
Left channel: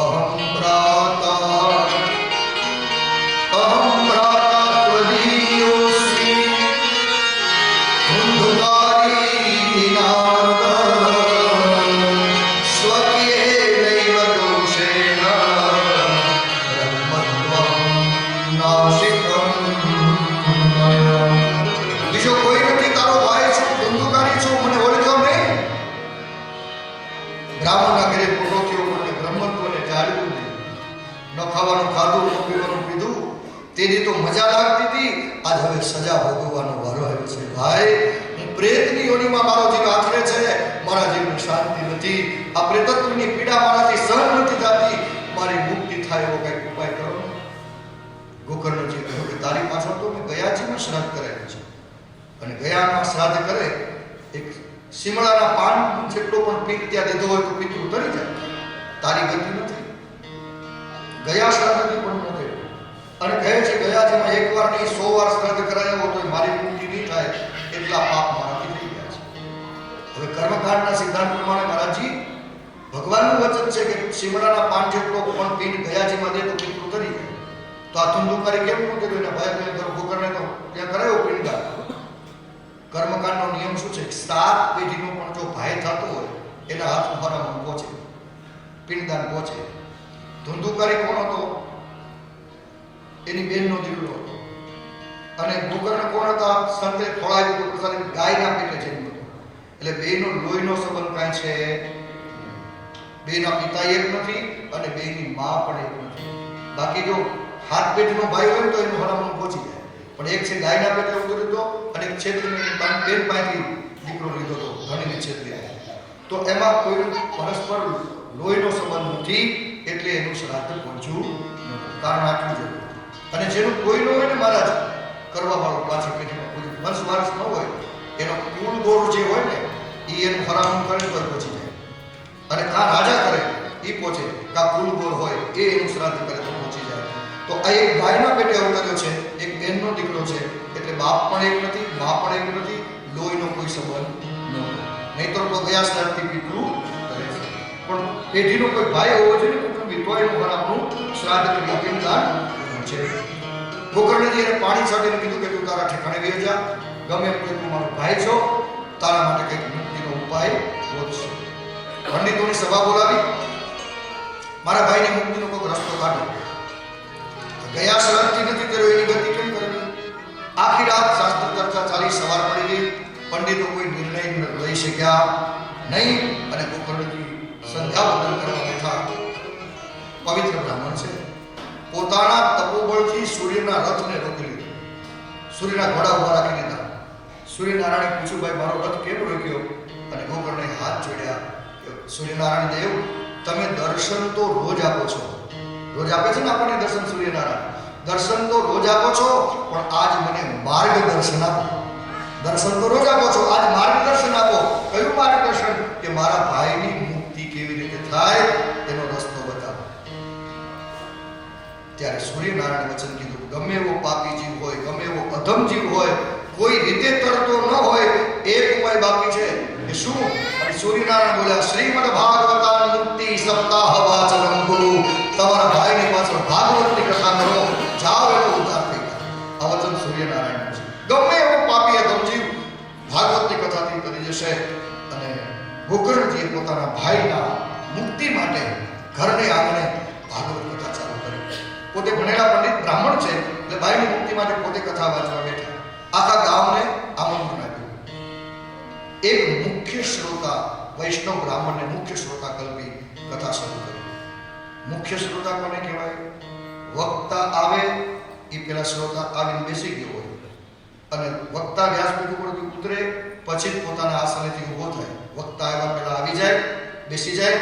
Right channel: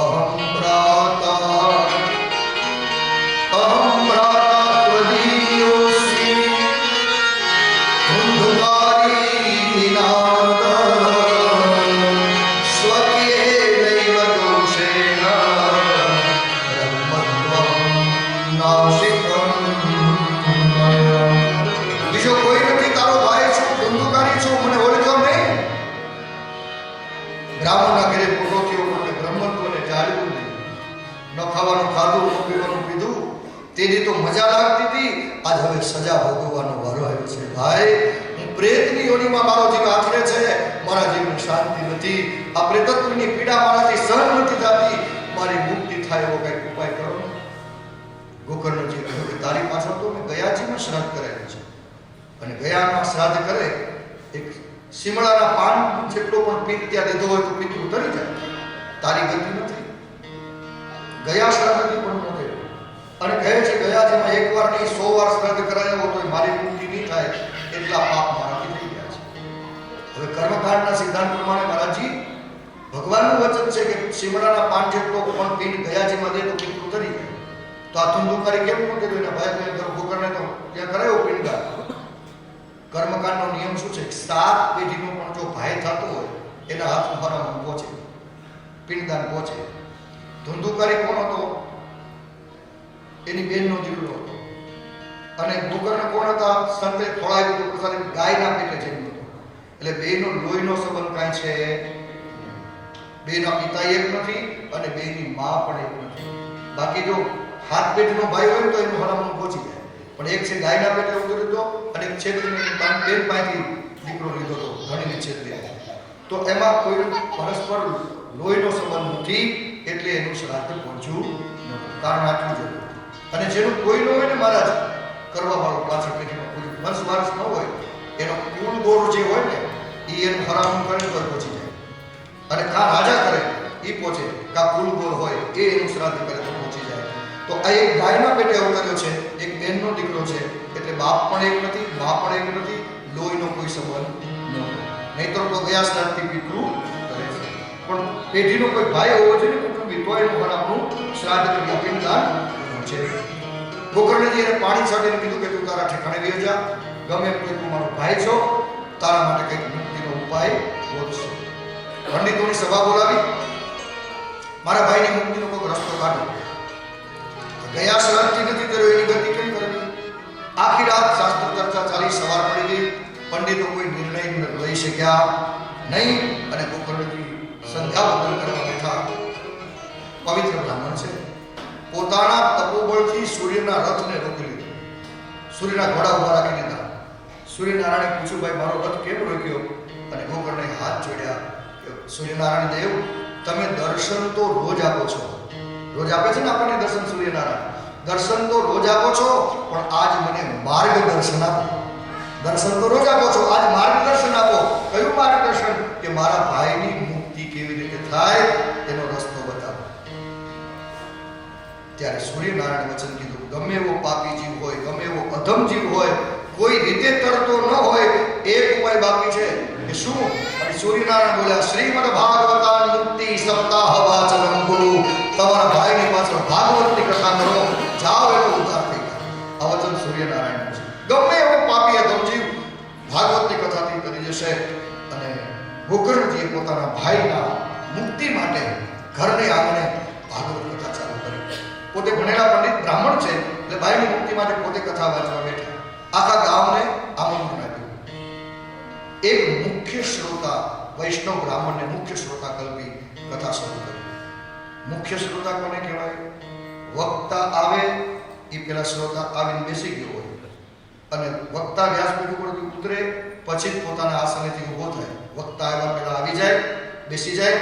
અહમ ભ્રાતા ત્વદીયોસ્મિ ધુંધુકારી નાદ સ્વકીયેનૈવ દોષેણ બ્રહ્મત્વં નાશિકં. બીજો કોઈ નથી, તારો ભાઈ છું, ધુંધુકારી છું, મને ઓળખ્યો નહીં? બ્રાહ્મણના ઘરે પોટો થયો એટલે બ્રહ્મત્વને જાળવ્યું નહીં. ન ખાવાનું ખાધું, ન પીવાનું પીધું, તેની તો મજા લાગતી હતી. આજ હવે સજા ભોગવવાનો વારો આવ્યો છે. ભાઈ, હું પ્રેતની યોનિમાં મારો જીવ આથરે છે, મારા જીવની શાંતિ નથી. આ પ્રેતત્વની પીડા મારાથી સહન નથી થતી. મારી મુક્તિ થાય એવો કંઈક ઉપાય કરો. ગોકર્ણજી કહ્યું કે તારી પાછળ તો મેં ગયાજીમાં શ્રાદ્ધ કરાયેલું છે અને ગયામાં શ્રાદ્ધ કરે એક શિમળાના પાન જેટલો પણ પિંડ ત્યાં દીધો હોય તો પિતૃ ઉતરી જાય. તારી ગતિ નથી. ગયા શ્રાદ્ધથી પણ ન થયું અને કહે છે ગયાજીમાં એકવાર નહીં 100 વાર શ્રાદ્ધ કરાયો તો મારી મુક્તિ નહીં થાય, એટલા પાપ મારાથી થઈ ગયા છે. હવે કર્મકાંડના સિદ્ધાંત પ્રમાણે મહારાજજી ભગવાનનું વચન છે કે શિમળાના પાન જેટલો પણ પિંડ ગયાજીમાં દે તો પિતૃ ઉતરી જાય. તો આ ધુંધુકારી કેમ ન કર્યું? એના ભાઈ ગોકર્ણે તો ત્યાં કરાયો પિંડદાન. કર્મકાંડનો નિયમ શું છે? 7 પેઢીનો પણ જો ભાઈ થતો હોય એના હાથમાં હરામ પહોંચે, પિંડદાન પહોંચે. ધુંધુકારી કોણ હતો? એની બેનનો દીકરો હતો. અને ગોકર્ણ કોણ હતા? સંતે ખોળાવ્યું હતું પ્રસાદ, ગાયના પેટે જન્મ હતો. એટલે બેનો લોહીનો સંબંધ કાંઈ છે? બેના પિતા એક નથી અને બેની મા પણ એક નથી. બાકી જો હાથ પેટનો ભાઈ હોય તો એનું હરામણું પહોંચી જાય. પણ એક છે ગાયના પેટે ઉતર્યો હતો અને એક છેતરીને બેન પાસેથી દીકરો લીધો હતો, ધણીને છેતરી. તો એમાં કોઈ પરસ્પર લોહીનો સંબંધ નથી, એટલે એનું શ્રાદ્ધ પહોંચ્યું નહોતું. કારણ આટલું જ હતું. અને જેનું કોઈ ન હોય ને મહારાજ કરવા વાળું, પાછળ પેઢીમાં કોઈ વંશ વારસ ન હોય, એનો કુળ ગોળ જે હોય ને એ એનું હરામણું કરે તો પહોંચી જાય. અને કા રાજા કરે એ પહોંચે, કા કુલ ગોળ હોય એ એનું શ્રાદ્ધ કરે તો પહોંચી જાય. તો આ એક ભાઈના પેટે અવતર્યો છે, એક બેનનો દીકરો છે, એટલે બાપ પણ એક નથી, મા પણ એક નથી, લોહીનો કોઈ સંબંધ નહોતો. નહીતર તો ગયા શ્રાદ્ધથી પિતૃ કરે છે. પણ પેઢીનો કોઈ ભાઈ હોવો જોઈએ ને કુટુંબી, તો એનું હરામણું શ્રાદ્ધ કરી પિંડદાન છે. ગોકર્ણજી એને પાણી છાંટીને કીધું કે તું તારા ઠેકાણે વહી જા, ગમે એમ તું મારો ભાઈ છો, તારા માટે કંઈક મુક્તિનો ઉપાય ગોતશો. પંડિતોની સભા બોલાવી, મારા ભાઈની મુક્તિનો કોઈ રસ્તો કાઢો. ગયા શ્રાદ્ધથી નથી કર્યો, એની ગતિ કેમ કરવી? આખી રાત શાસ્ત્ર ચર્ચા ચાલી, સવાર પડી ગઈ, પંડિતો કોઈ નિર્ણય લઈ શક્યા નહીં. અને ગોકર્ણજી સંધ્યા વંદન કરવા બેઠા. પવિત્ર બ્રાહ્મણ છે, પોતાના તપોબળથી સૂર્યના રથને રોકી લીધો, સૂર્યના ઘોડા ઉભા રાખી દીધા. સૂર્યનારાયણે પૂછ્યું, ભાઈ મારો રથ કેમ રોક્યો? અને ગોકર્ણે હાથ જોડ્યા. સૂર્યનારાયણ દેવ, તમે દર્શન તો રોજ આપો છો, રોજ આપે છે ને આપણને દર્શન સૂર્યનારાયણ, દર્શન તો રોજ આપો છો, પણ આજ મને માર્ગદર્શન આપો. દર્શન તો રોજ આપો છો, આજ માર્ગદર્શન આપો. કયું માર્ગદર્શન? કે મારા ભાઈની મુક્તિ કેવી રીતે થાય એનો રસ્તો બતાવો. ત્યારે સૂર્યનારાયણ વચન કીધું, ગમે એવો પાપી જીવ હોય, ગમે એવો અધમ જીવ હોય, કોઈ રીતે તરતો ન હોય, એક ઉપાય બાકી છે. કે શું? અને સૂર્યનારાયણ બોલ્યા, શ્રીમદ ભાગવતા મુક્તિ સપ્તાહ વાચનમ ગુરુ. તમારા ભાઈની પાછળ ભાગવતની કથા કરો, જાઓ એનો ઉદ્ધાર થઈ જાય. આ વચન સૂર્યનારાયણ છે. ગમે એવો પાપી અધમ જીવ ભાગવતની કથાથી કરી જશે. અને ગોકર્ણજીએ પોતાના ભાઈના મુક્તિ માટે ઘરને આંગણે ભાગવત કથા ચાલુ કરી. પોતે ભણેલા પંડિત બ્રાહ્મણ છે, એટલે ભાઈની મુક્તિ માટે પોતે કથા વાંચવા બેઠા. આખા ગામને આમંત્રણ આપ્યું. એક મુખ્ય શ્રોતા વૈષ્ણવ બ્રાહ્મણને મુખ્ય શ્રોતા કલ્પી કથા શરૂ કરી. મુખ્ય શ્રોતા કોને કહેવાય? વક્તા આવે એ પેલા શ્રોતા આવીને બેસી ગયો હોય, અને વક્તા વ્યાસપીઠ ઉપરથી ઉતરે પછી જ પોતાના આસનેથી ઊભો થાય. વક્તા આવ્યા પહેલા આવી જાય, બેસી જાય,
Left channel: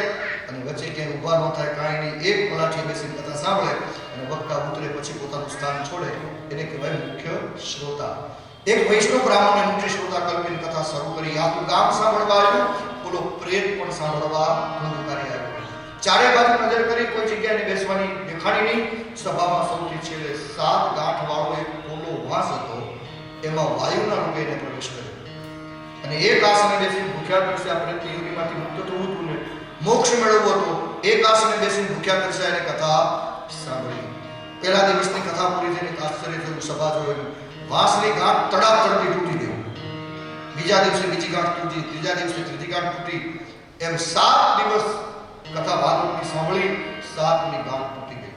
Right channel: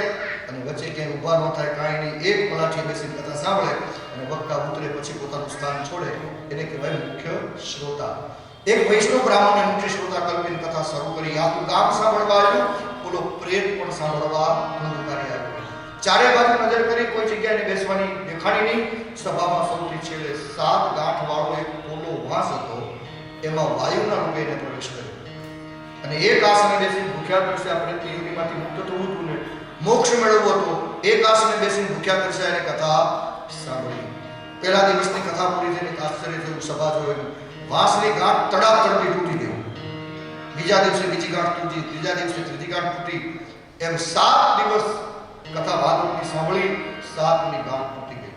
અને વચ્ચે ક્યાંય ઊભા ન થાય, કાંઈ નહીં, એક પલાઠી બેસીને કથા સાંભળે, અને વક્તા ઉતરે પછી પોતાનું સ્થાન છોડે, એને કહેવાય મુખ્ય શ્રોતા. એક વૈષ્ણવ બ્રાહ્મણને મુખ્ય શ્રોતા કલ્પીને કથા શરૂ કરી. આખું ગામ સાંભળવા આવ્યું, બોલો પ્રેત પણ સાંભળવા ધુંધુકારી આવ્યો. ચારે બાજુ નજર કરી, કોઈ જગ્યાએ બેસવાની દેખાડી નહીં. સભામાં સૌથી છેલ્લે 7 ગાંઠ વાળો એક પોલો વાંસ હતો, એમાં વાયુના રૂપે એને પ્રવેશ કર્યો. અને એક આસને બેસીને ભૂખ્યા તરસ્યા પ્રેતની યોનિમાંથી મુક્ત થવું હતું ને મોક્ષ મેળવવો હતો. એક આસને બેસીને ભૂખ્યા તરસ્યા એને કથા સાંભળી. પહેલા દિવસની કથા પૂરી થઈને આશ્ચર્ય થયું. સભા જોયું, વાંસની ગાંઠ તડાતડથી તૂટી ગઈ. બીજા દિવસે બીજી ગાંઠ તૂટી, ત્રીજા દિવસે ત્રીજી ગાંઠ તૂટી. એમ 7 દિવસ કથા ભાગવતની સાંભળી, 7મી ગાંઠ તૂટી ગઈ.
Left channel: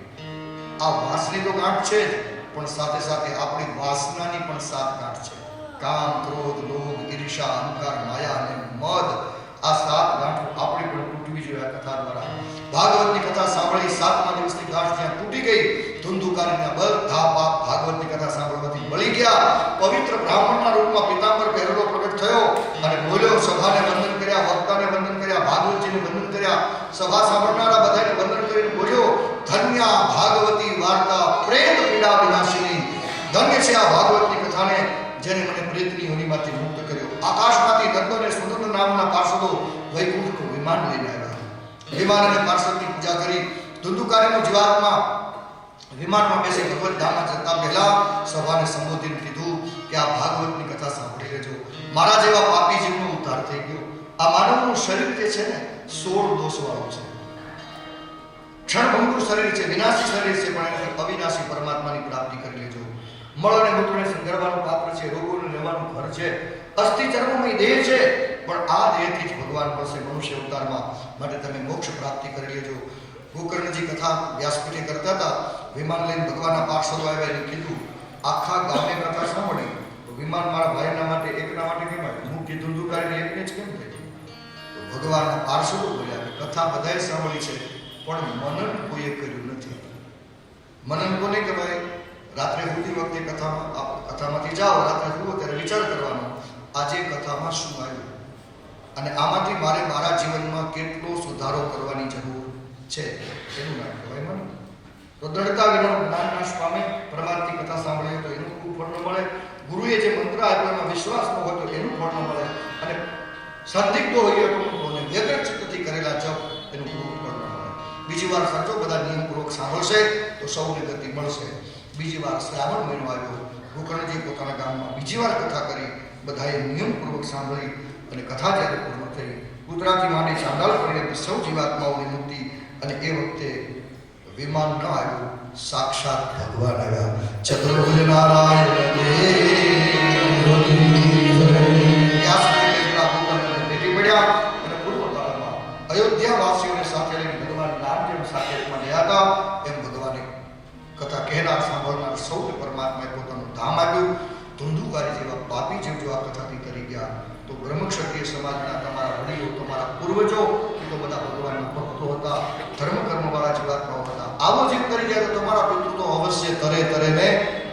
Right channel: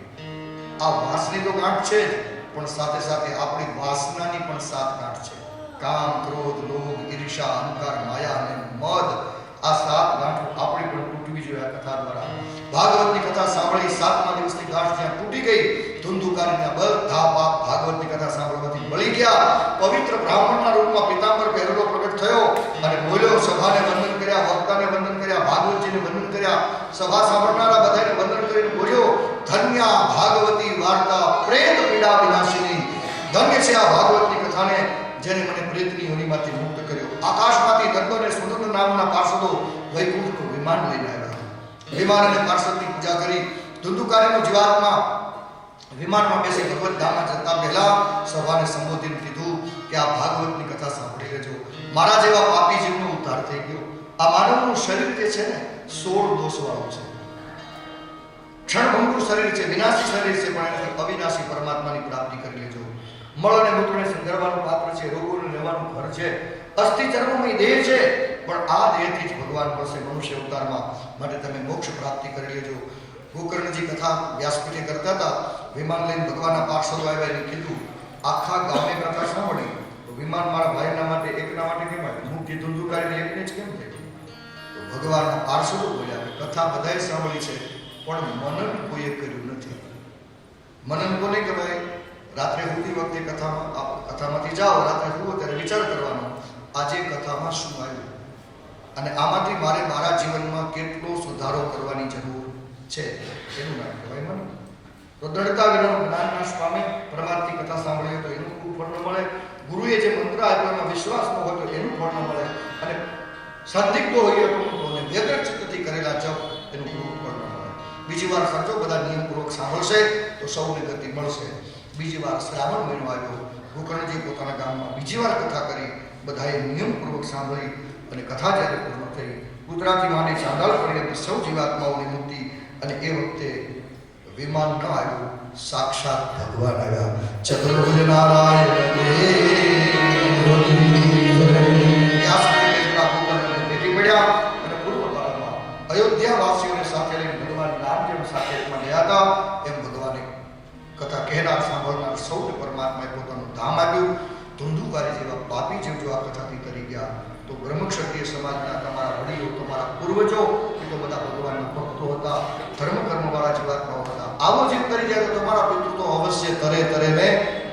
આ વાંસની તો ગાંઠ છે જ, પણ સાથે સાથે આપણી વાસનાની પણ 7 ગાંઠ છે. કામ, ક્રોધ, લોભ, ઈર્ષા, અહંકાર, માયા અને મદ. આ 7 ગાંઠો આપણી પણ તૂટવી જોઈએ આ કથા દ્વારા. ભાગવતની કથા સાંભળી 7મા દિવસની ગાંઠ જ્યાં તૂટી ગઈ, ધુંધુકારીના બધા પાપ ભાગવતની કથા સાંભળવાથી બળી ગયા. પવિત્ર બ્રાહ્મણના રૂપમાં પિતાંબર પહેરેલો પ્રગટ થયો અને બોલ્યો. સભાને વંદન કર્યા, વક્તાને વંદન કર્યા, ભાગવતજીને વંદન કર્યા. સભા સાંભળનારા બધાને વંદન કરીને બોલ્યો, ધન્યા ભાગવતી વાર્તા પ્રેત પીડા વિનાશિની. ધન્ય છે આ ભાગવતની કથાને, જેને મને પ્રેતની યોનિમાંથી મુક્ત કર્યો. આકાશમાંથી દત્ત અને સુનંદ નામના પાર્ષદો વૈકુંઠનું વિમાન લઈને આવ્યા. વિમાન અને પાર્ષદની પૂજા કરી. ધુંધુકારીનો જીવાત્મા વિમાનમાં બેસી ભગવત ધામમાં જતા પહેલા સભાને સંબોધીને કીધું કે આ ભાગવતની કથા સાંભળી લેજો. મારા જેવા પાપી જીવનો ઉદ્ધાર થઈ ગયો. આ માનવનું શરીર જે છે ને 16 દોષવાળું છે. ક્ષણભંગુર શરીર છે, વિનાશી શરીર છે, પણ એને અવિનાશી પરમાત્માની પ્રાપ્તિ કરી લેજો. મળ અને મૂત્રને સંગરવાનું પાત્ર છે, રોગોને લેવાનું ઘર છે, અસ્થિ ચર્મમય દેહ છે, પણ આ દેહથી જ ભગવાન મળશે મનુષ્ય અવતારમાં. માટે તમે મોક્ષ પ્રાપ્તિ કરી લેજો. ગોકર્ણજી કથા વ્યાસપીઠે કરતા હતા. વિમાન લઈને ભગવાનના પાર્ષદો આવ્યા, એને કીધું, આખા ગામે કથા સાંભળી, તો વિમાન મારા ભાઈના માટે એકના માટે કેમ આવ્યું? મુક્તિ ધુંધુકારીને એકને જ કેમ થઈ? તો ભગવાનના પાર્ષદો બોલ્યા કે કથા બધાએ સાંભળી છે, પણ મનન કોઈએ કર્યું નથી. મનન કોને કહેવાય? રાત્રે સૂતી વખતે કથામાંથી જાઓ, રાત્રે જુઓ ત્યારે વિચાર કરવાનો, આજે કથામાં શું આવ્યું અને આમાંથી મારે મારા જીવનમાં કેટલો સુધારો કરવાની જરૂર છે, એનું નામ કહેવાય મનન. તો દૃઢતા વિના જ્ઞાન નાશ પામે. પરમાર્થની કથા સાંભળીએ તો એનું ખૂબ ફળ ન મળે. ગુરુએ જે મંત્ર આપ્યો એમાં વિશ્વાસ ન હોય તો એનું ફળ ન મળે. અને સંદિગ્ધો હોઈએ તો વ્યગ્ર ચિત્તથી કરેલા જપ એનું ખૂબ ફળ ન મળે. બીજી વાર સાચો બધા નિયમપૂર્વક સાંભળશે તો સૌને ગતિ મળશે. બીજી વાર શ્રાવણ મહિનો આવ્યો. ગોકર્ણજી પોતાના ગામમાં બીજી વાર કથા કરી. બધાએ નિયમપૂર્વક સાંભળી અને કથા જ્યારે પૂર્ણ થઈ, ગુજરાતી માંડી ચાંડાળ કરીને સૌ જીવાત્માઓની મુક્તિ. અને એ વખતે વિમાન ન આવ્યું, સાક્ષાત ભગવાન આવ્યા. ચતુર્ભુજ નારાયણ ભેટી પડ્યા અને પૂર્વ કાળમાં અયોધ્યા વાસીઓને સાથે લઈને ભગવાન રામ જેમ સાકેતમાં ગયા હતા એમ ભગવાને કથા કહેનાર સાંભળનાર સૌને પરમાત્માએ પોતાનું ધામ આપ્યું. ધુંધુકારી જેવા પાપી જીવ જો આ કથાથી કરી ગયા તો બ્રહ્મક્ષત્રિય સમાજના તમારા વડીલો, તમારા પૂર્વજો એ તો બધા ભગવાનના ભક્તો હતા, ધર્મ કર્મવાળા જીવાત્માઓ હતા. આવો જીવ કરી જાય તો તમારા પિતૃ તો અવશ્ય તરે ને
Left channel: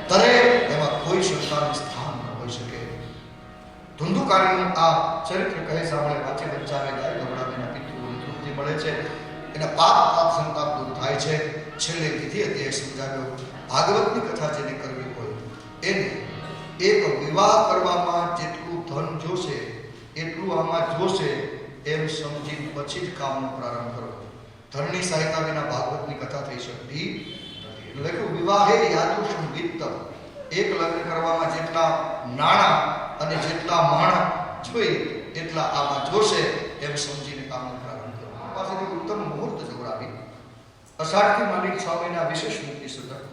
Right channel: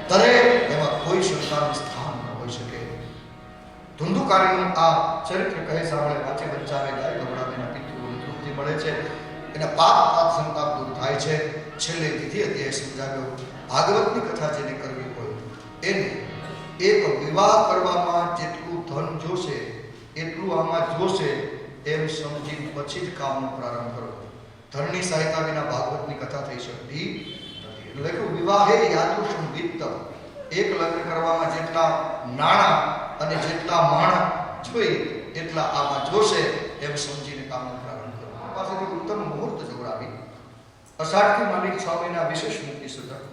તરે, એમાં કોઈ શંકાનું સ્થાન ન હોઈ શકે. ધુંધુકારીનું આ ચરિત્ર કહે સાંભળે, વાંચે વંચાવે, ગાય ગવડાવીના પિતૃઓને તૃપ્તિ મળે છે, એના પાપ સંતાપ દૂર થાય છે. છેલ્લે વિધિ અધ્યાય સમજાવ્યો. ભાગવતની કથા જેને કરવી હોય એને એક વિવાહ કરવામાં જેટલું ધન જોશે એટલું આમાં જોશે એમ સમજી પછી જ કામનો પ્રારંભ કરો. ધનની સહાયતા વિના ભાગવતની કથા થઈ શકતી નથી. લખ્યું વિવાહે યાદુષમ વિત્ત, એક લગ્ન કરવામાં જેટલા નાણાં અને જેટલા માણા જોઈએ એટલા આમાં જોશે એમ સમજીને કામનો પ્રારંભ કરો. પાસેથી ઉત્તમ મુહૂર્ત જોડાવી અષાઢથી માંડી 6 મહિના વિશેષ મુક્તિ સુધી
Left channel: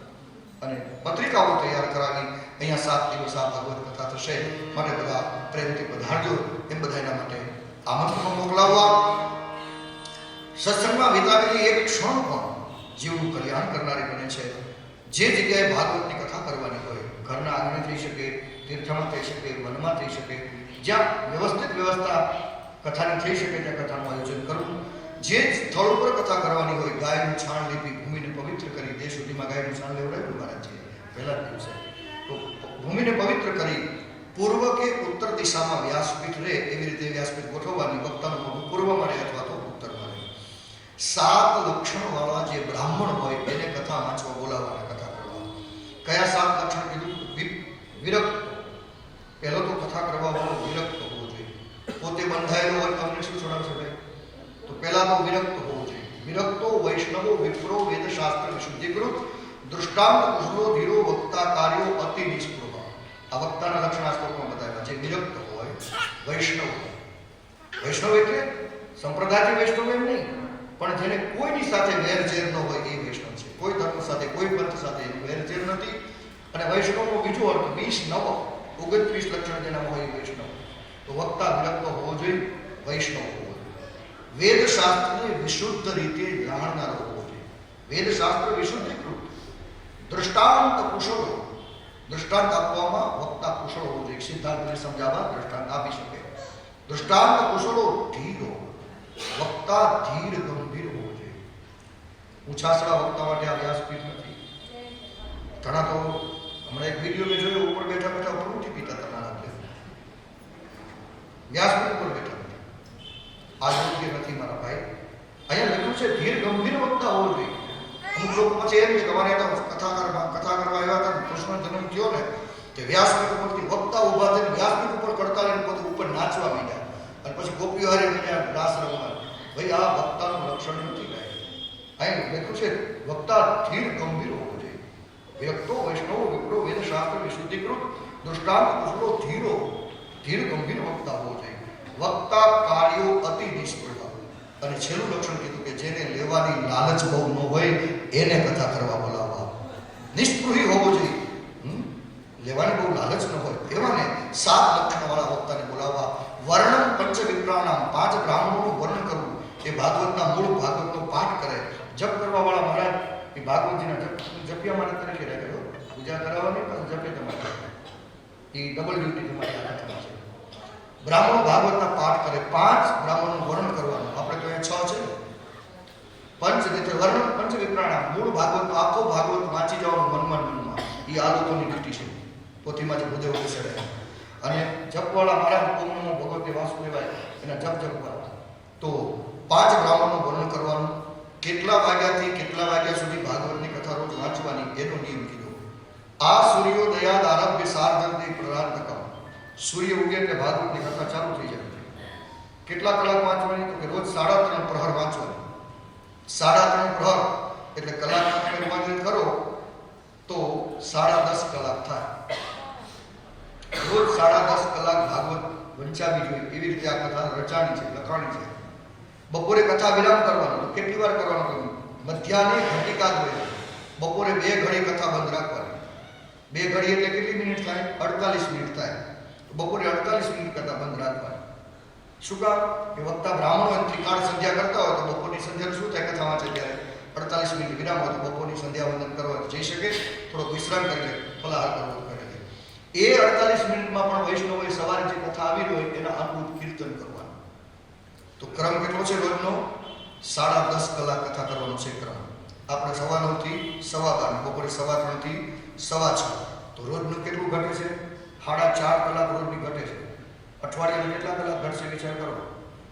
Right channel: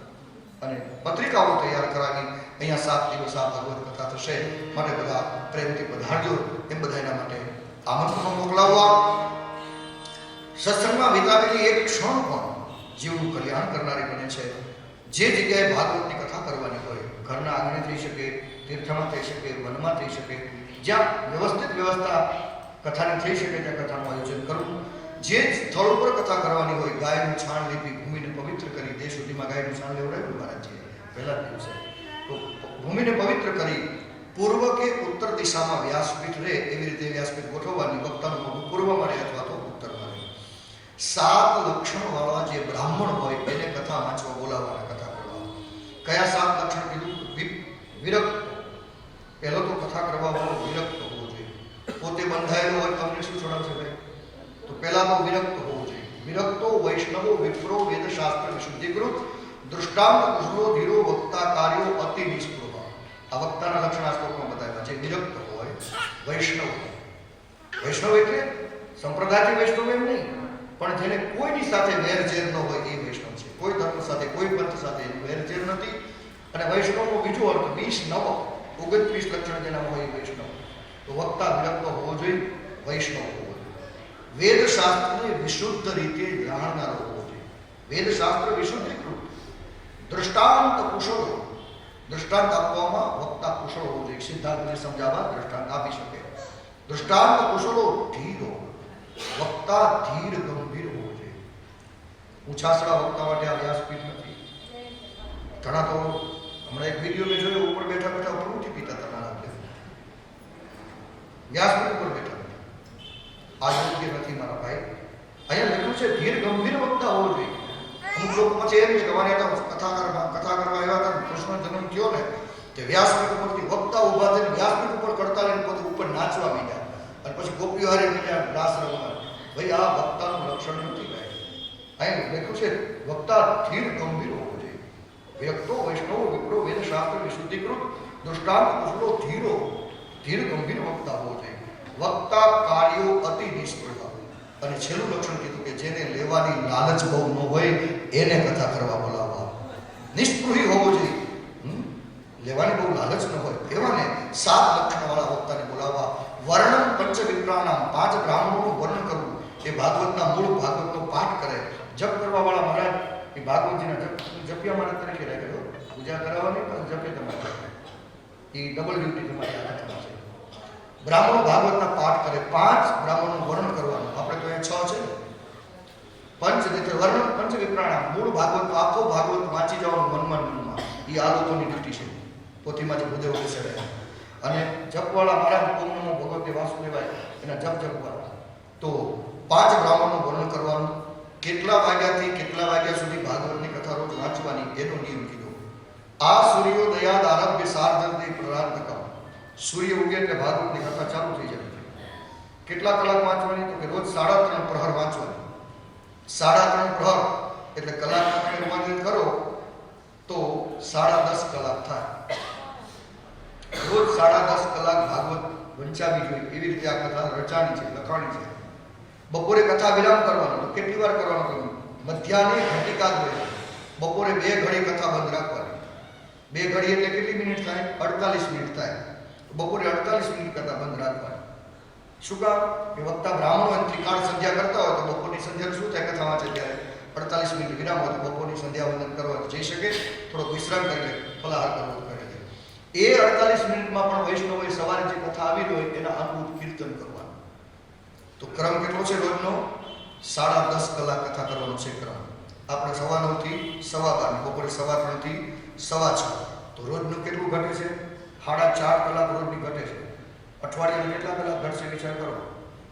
અને પત્રિકાઓ તૈયાર કરાવી. અહીંયા 7 દિવસ આ ભગવત કથા થશે, માટે બધા પ્રેમથી પધારજો એમ બધાના માટે આમંત્રણ મોકલાવવા. સત્સંગમાં વિતાવેલી એક ક્ષણ પણ જીવનું કલ્યાણ કરનારી બને છે. જે જગ્યાએ ભાગવતની કથા કરવાની હોય, ઘરના આંગણે થઈ શકે, તીર્થમાં થઈ શકે, વનમાં થઈ શકે, જ્યાં વ્યવસ્થિત વ્યવસ્થા કથાની થઈ શકે ત્યાં કથાનું આયોજન કરવું. જે સ્થળ ઉપર કથા કરવાની હોય, ગાયનું છાણ લીપી ભૂમિને પવિત્ર કરી, તે સુધીમાં ગાયનું છાણ લેવડાવ્યું મહારાજજીએ પહેલા દિવસે, તો ભૂમિને પવિત્ર કરી પૂર્વ કે ઉત્તર દિશામાં વ્યાસપીઠ રહે એવી રીતે વ્યાસપીઠ ગોઠવવાની. વક્તાનું મોઢું પૂર્વમાં રહે અથવા તો ઉત્તરમાં રહે. 7 લક્ષણવાળા જે બ્રાહ્મણ હોય એને કથા વાંચવા બોલાવવાના, કથા કરવા. કયા 7 લક્ષણ કીધું? વિરક્ત. પહેલો તો કથા કરવા વાળો વિરક્ત હોવો જોઈએ. પોતે બંધાયેલો હોય તમને શું છોડાવશે ભાઈ? તો પહેલા તો વિરક્ત હોવો જોઈએ. વિરક્તો વૈષ્ણવો વિપ્રો વેદશાસ્ત્ર વિશુદ્ધિકૃત દૃષ્ટાંત કુશલો ધીરો વક્તા કાર્યો અતિ નિષ્પૃહ. આ વક્તાના લક્ષણ આ શ્લોકમાં બતાવ્યા. જે વિરક્ત હોય, વૈષ્ણવ. વૈષ્ણવ એટલે સંપ્રદાયથી વૈષ્ણવ એમ નહીં, પણ જેને કોઈની સાથે વેરઝેર ન હોય એ વૈષ્ણવ છે. કોઈ ધર્મ સાથે, કોઈ પંથ સાથે એનું વેરઝેર નથી. અને વૈષ્ણવનો બીજો અર્થ 29 લક્ષણ જેનામાં હોય એ વૈષ્ણવ. તો વક્તા વિરક્ત હોવો જોઈએ, વૈષ્ણવ હોવો જોઈએ. વેદશાસ્ત્રને વિશુદ્ધ રીતે જાણનારો હોવો જોઈએ. વેદશાસ્ત્ર વિશુદ્ધિકૃત દૃષ્ટાંત કુશળો. દૃષ્ટાંત આપવામાં વક્તા કુશળ હોવો જોઈએ. સિદ્ધાંતને સમજાવવા દૃષ્ટાંત આપી શકે. દૃષ્ટાંત કુશળો ધીરો. વક્તા ધીર ગંભીર હોવો જોઈએ. ઉછાસડા વક્તા માટે આ વ્યાસપીઠ નથી. ઘણા તો હમણાં એક વિડીયો મેં જોયો, ઉપર બેઠા બેઠા પ્રવૃત્તિ પીતા તમારા વ્યાસપીઠ ઉપર બેઠા બેઠા. આ યોગ્ય નથી મારા ભાઈ. અહીંયા લખ્યું છે ધીર ગંભીર વક્તા હોવો જોઈએ. અમુક લોકો પછી એમ કે અમારે કથા કરવા આવ્યા હતા, કૃષ્ણ જન્મ થયો ને તે વ્યાસપીઠ ઉપરથી વક્તા ઉભા થઈને વ્યાસપીઠ ઉપર કરતા લઈને પોતે ઉપર નાચવા માંડ્યા અને પછી ગોપીઓ હારે મીડ્યા રાસ રમવા. ભાઈ આ વક્તાનું લક્ષણ નથી ભાઈ. અહીં લખ્યું છે વક્તા ધીર ગંભીર હોવો જોઈએ. વિરક્તો વૈષ્ણવો વિપ્રો વેદશાસ્ત્ર વિશુદ્ધિકૃત દૃષ્ટાંત કુશળો ધીરો. ધીર ગંભીર વક્તા હોવો જોઈએ. વક્તા કાર્યો અતિ નિષ્પૃહ. અને છેલ્લું લક્ષણ કીધું કે જેને લેવાની લાલચ બહુ ન હોય એને કથા કરવા બોલાવવા. નિષ્પૃહી હોવો જોઈએ. લેવાની બહુ લાલચ ન હોય એવાને 7 લક્ષણવાળા વક્તાને બોલાવવા. વર્ણન પંચ વિપ્રાણામ, 5 બ્રાહ્મણોનું વર્ણન કરવું. એ ભાગવતના મૂળ ભાગવતનો પાઠ કરે. જપ કરવા વાળા મહારાજ એ ભાગવતજીના જપ્યા માટે તરીકે રાખ્યો. પૂજા કરાવવાની પણ જપે તમારે, એ ડબલ ડ્યુટી તમારી હાથમાં છે. બ્રાહ્મણો ભાગવતના પાઠ કરે. 5 બ્રાહ્મણોનું વર્ણન કરવાનું. આપણે તો અહીંયા 6 છે. પંચ વર્ણન પંચ વિપ્રાણામ, મૂળ ભાગવત આખો ભાગવત વાંચી જવાનું મનમાં. એ આ લોકોની ડ્યુટી છે. પોથીમાં જે ભૂદેવ બેસાડે. અને જપવાળા મહારાજ ઓમ નમો ભગવતે વાસુદેવાય એના જપ જપવાળા. તો 5 બ્રાહ્મણનું વર્ણન કરવાનું. કેટલા વાગ્યાથી કેટલા વાગ્યા સુધી ભાગવતની કથા રોજ વાંચવાની એનો નિયમ કીધો. આ સૂર્યોદયાદ આરભ્ય સાર્ધંતે પ્રાર્થકમ. સૂર્ય ઉગે એટલે ભાગવતની કથા ચાલુ થઈ જાય. કેટલા કલાક વાંચવાની? તો કે રોજ 3.5 પ્રહર વાંચવાની. 3.5 પ્રહર એટલે કલાકના તમે રૂપાંતરિત કરો તો 10.5 કલાક થાય. રોજ 10.5 કલાક ભાગવત વંચાવી જોઈએ. એવી રીતે આ કથા રચાણી છે, લખાણી છે. બપોરે કથા વિરામ કરવાનો. તો કેટલી વાર કરવાનું? મધ્યાહને ઘટિકા જોઈએ. બપોરે 2 ઘડી કથા બંધ રાખવાની. 2 ઘડી એટલે કેટલી મિનિટ થાય? 48 મિનિટ થાય. બપોરે 48 મિનિટ કથા બંધ રાખવાની. શું કામ? કે વક્તા બ્રાહ્મણો એમથી કાળ સંધ્યા કરતા હોય તો બપોરની સંધ્યા શું થાય? કથા વાંચે ત્યારે 48 મિનિટ વિરામ હોય તો બપોરની સંધ્યા વંદન કરવા જઈ શકે, થોડોક વિશ્રામ કરી લે, ફલાહાર કરવો કરે છે. એ 48 મિનિટમાં પણ વૈષ્ણવોએ સવારે જે કથા આવી હોય એના અનુરૂપ કીર્તન કરવાનું. તો ક્રમ કેટલો છે રોજનો? 10.5 કલાક કથા કરવાનો છે ક્રમ. આપણે 9:15 થી 12:15, બપોરે 3:15 થી 6:15. તો રોજનું કેટલું ઘટે છે? 4.5 કલાક રોજની ઘટે છે. અઠવાડિયામાં કેટલા કલાક ઘટશે વિચાર કરો.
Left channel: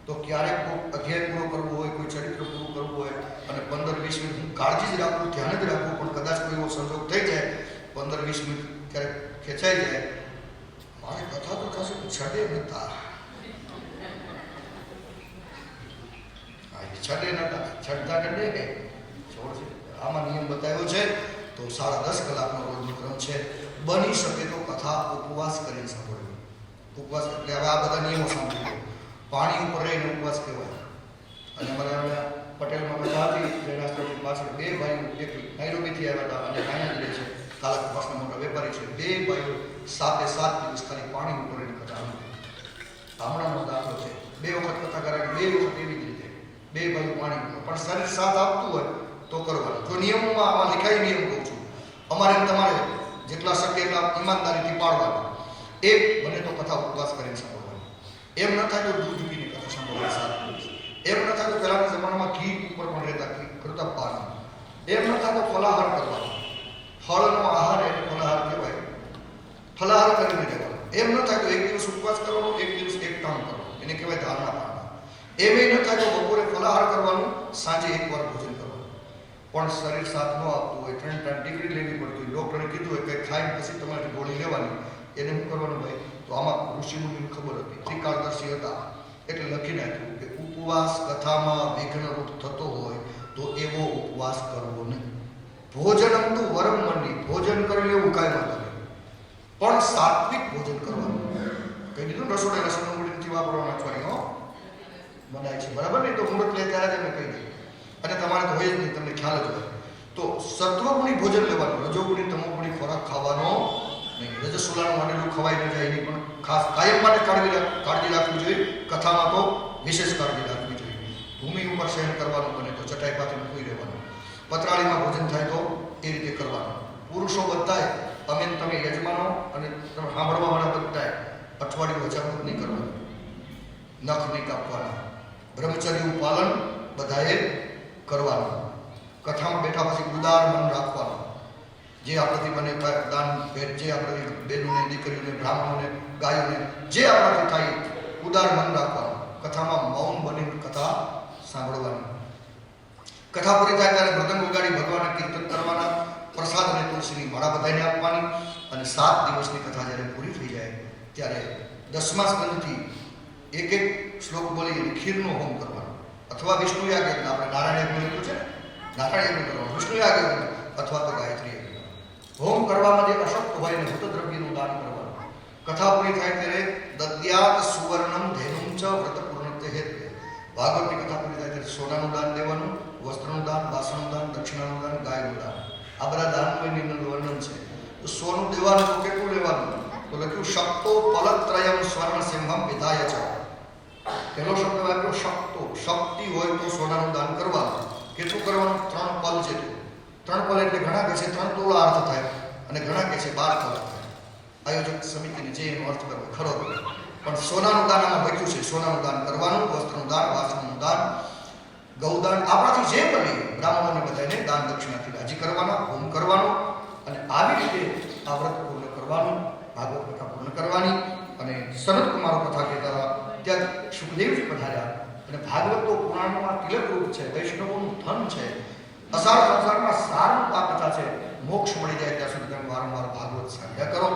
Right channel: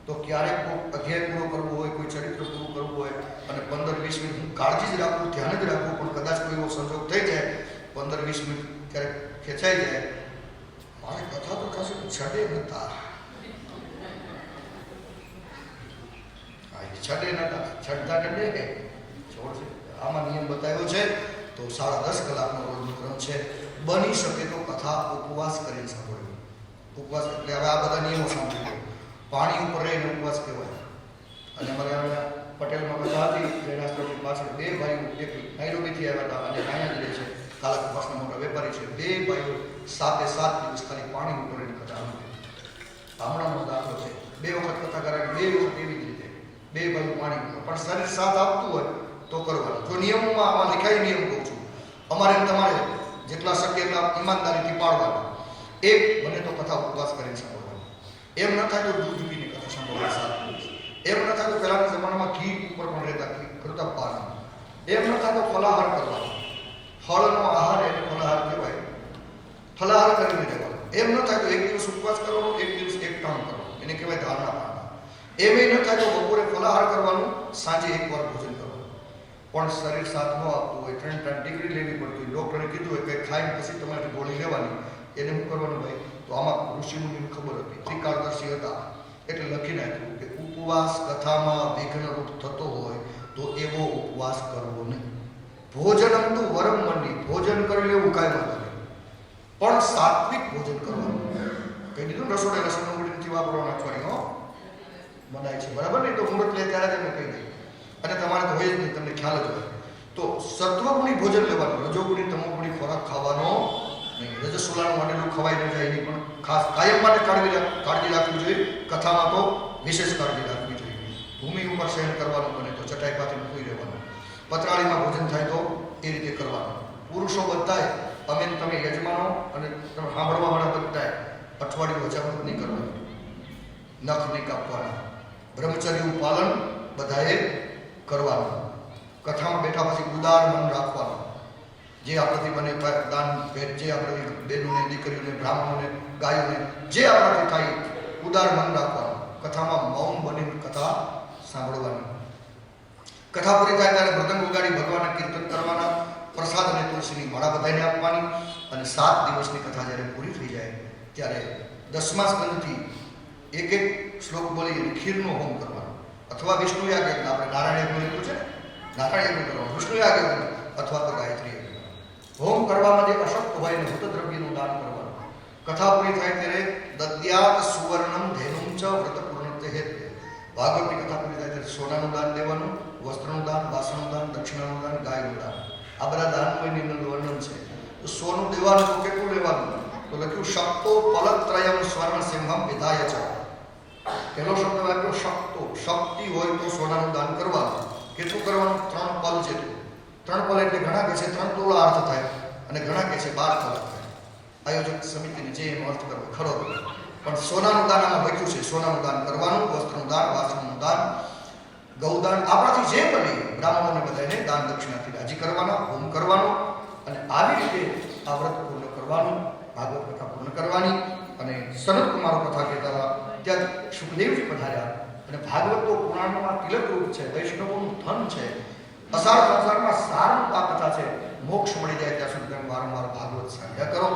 તો ક્યારેક કોઈ અધ્યાય પૂરો કરવો હોય, કોઈ ચરિત્ર પૂરું કરવું હોય અને 15-20 મિનિટ હું કાળજી જ રાખું, ધ્યાન જ રાખું, પણ કદાચ કોઈ એવો સંજોગ થઈ જાય 15-20 મિનિટ ક્યારેક ખેંચાઈ જાય, મારી કથા તો થશે છડે નતા. છડે નતા, છડતા કે છોડ છે. આમાં નિયમ બતાવ્યો છે તો 10.5 કલાકનો રોજનો ક્રમ છે. બની શકે તો કથા ઉપવાસ કરીને સાંભળવી. ઉપવાસ એટલે હવે આ બધા નિયમો સાંભળી. પાણી ઉપર રહીને ઉપવાસ કહેવાય. અને અમારા પટેલમાં કથા હતી જયરાજની પાછળ 2 ભાઈઓ, એક નાઈરોબીથી આવ્યા હતા અને અહીંયા જ રહે છે, કાલાકપાસના મોટા વેપારી છે. 2 ભાઈઓ 7 દિવસ ખાલી પાણી ઉપર રહીને કથા સાંભળી. હમણાંનો દાખલો છે. 2 વખત કથા કરાવી, 2 વખત એવી જ રીતે 2 ભાઈઓ પાણી ઉપર. પણ શરીર સાથ આપતું હોય તો કરવાનું. જો નિયમોમાં આમાં લખાય નિયમ કહું છું, અમારે તમારે જેટલા શક્ય એટલા ઈમાનદારીથી પાળવાના. એક બને તો કથા ઉપવાસ કરીને સાંભળવાની. એમ ન થાય તો દૂધ પીને કથા સાંભળવાની 7 દિવસ. એમ ન થાય તો પહેલાના જમાનામાં ઘી ઉપર પણ રહેતા, ઘી કરતા પાન. એમ ન થાય તો ફલાહાર કરવાનો. ફળનો આહાર એટલે ફલાહાર કહેવાય. ફલાહાર કરીને રહેવાનો. એમ ન થાય તો એક દિવસ ઉપવાસ કરવાનો, એક દિવસ એક ટાણું કરવાનું, એને કહેવાય ધારણા પાડવા. એમ ન થાય તો બપોરે ફલાહાર કરવાનું, સાંજે એકવાર ભોજન કરવાનું. પણ શરીર સાથ ન આપતું હોય, 3 ટાઈમ ડિગ્રી લેવી પડતી હોય, ડૉક્ટરે કીધું હોય કે ખાઈને પછી તમારે ગોળી લેવાની, એને શું કરવાનું ભાઈ? તો આમાં ઋષિમુનિને ખબર હતી, ત્રિકાળદર્શી હતા, એટલે લખી નાખ્યું કે ઉપવાસ કથામાં વિઘ્નરૂપ થતો હોય તો એવો ઉપવાસ કરવો નહીં. ભોજનમ તું વરમ મની, ભોજન કરી લેવું કાંઈ વાંધો નહીં, પણ સાત્વિક ભોજન કરવાનું. કહી દીધું રસોડે લસણ ડુંગળી વાપરવાના અઠવાડિયું બનાય છે, બરાબર? નહીં તો મુહૂર્ત લે ત્યારે જ અમે કહી દઈએ. અને તમારે તો હોય જ નહીં, તમને ખ્યાલ જ હોય. તો સત્વગુણી ભોજન લેવાનું, રજોગુણી તમોગુણી ખોરાક ખાવાનો નહીં. રજસ્વલાનું વાટેલું ખવાઈ ન જાય એની પણ ખાસ કાયમ માટે કાળજી રાખવી જોઈએ. કથામાં તો વિશેષ કાળજી રાખવી જોઈએ. ભૂમિ ઉપર શયન કરવાનું બને તો ચટાઈ પાથરીને સૂઈ રહેવાનું. પતરાળીમાં ભોજન થાય તો એ રીતે કરવાનું. પુરુષો બધાય, અમે તમે યજમાનો અને તમે સાંભળવાવાળા બધાય અઠવાડિયું હજામત નહીં કરવાનું, નખ નહીં કાપવાના, બ્રહ્મચર્યનું પાલન બધાએ કરવાનું. કથામાં બેઠા પછી ઉદાર મન રાખવાનું. જે આપણાથી બને દાન ભેટ, જે આપણાથી બહેનોને, દીકરીઓને, બ્રાહ્મણોને, ગાયોને, જે આપણાથી થાય ઉદાર મન રાખવાનું. કથામાં મૌન બનીને કથા સાંભળવાની. કથા પૂરી થાય ત્યારે મૃદંગ વગાડી ભગવાનને કીર્તન કરવાના. પ્રસાદ અને તુલસીની માળા બધાઈને આપવાની. અને 7 દિવસની કથા જ્યારે પૂરી થઈ જાય ત્યારે 10મા સ્કંદથી એક શ્લોક બોલી ખીરનો હોમ કરવાનો. અથવા વિષ્ણુ યાગ યજ્ઞ, આપણે નારાયણ યજ્ઞ લીધું છે ને, નારાયણ યજ્ઞ કરવાનું, વિષ્ણુ યાગ યજ્ઞ અથવા તો ગાયત્રી યજ્ઞ. હોમ કરવામાં જે અશક્ત હોય એને હૃતદ્રવ્યનું દાન કરવાનું. કથા પૂરી થાય ત્યારે દદ્યાત સુવર્ણમ ધેનુમ ચ વ્રત પૂર્ણત્ય હેતુ. ભાગવતની કથા પૂરી થાય ત્યારે સોનાનું દાન દેવાનું, વસ્ત્રનું દાન, વાસણનું દાન, દક્ષિણાનું દાન, ગાયનું દાન. આ બધા દાનનું એની અંદર વર્ણન છે. તો સોનું દેવાનું તો કેટલું લેવાનું? તો લખ્યું શક્તો પલત્રયમ સ્વર્ણ સિંહમ વિધાય છે. પહેલો શબ્દ વાપર્યો શક્તો. શક્તિ હોય તો સોનાનું દાન કરવાનું. કેટલું કરવાનું? 3 પલ જેટલું. 3 પલ એટલે ઘણા કહે છે 3 તોળા અર્થ થાય અને ઘણા કહે છે 12 તોળા થાય. આયોજક સમિતિને જે એનો અર્થ કરવો ખરો, પણ સોનાનું દાન આમાં લખ્યું છે. સોનાનું દાન કરવાનું, વસ્ત્રનું દાન, વાસણનું દાન, ગૌદાન, આપણાથી જે બને બ્રાહ્મણોને બધાને દાન દક્ષિણાથી રાજી કરવાના, હોમ કરવાનો. અને આવી રીતે આ વ્રત પૂર્ણ કરવાનું, ભાગવત કથા પૂર્ણ કરવાની. અને સનત કુમારો કથા કહેતા હતા ત્યાં સુખદેવજી પધાર્યા. અને ભાગવત તો પુરાણમાં તિલક રૂપ છે, વૈષ્ણવોનું ધન છે. અસાર સંસારમાં સારું આ કથા છે. મોક્ષ મળી જાય ત્યાં સુધી તમે વારંવાર ભાગવત સાંભળ્યા કરો.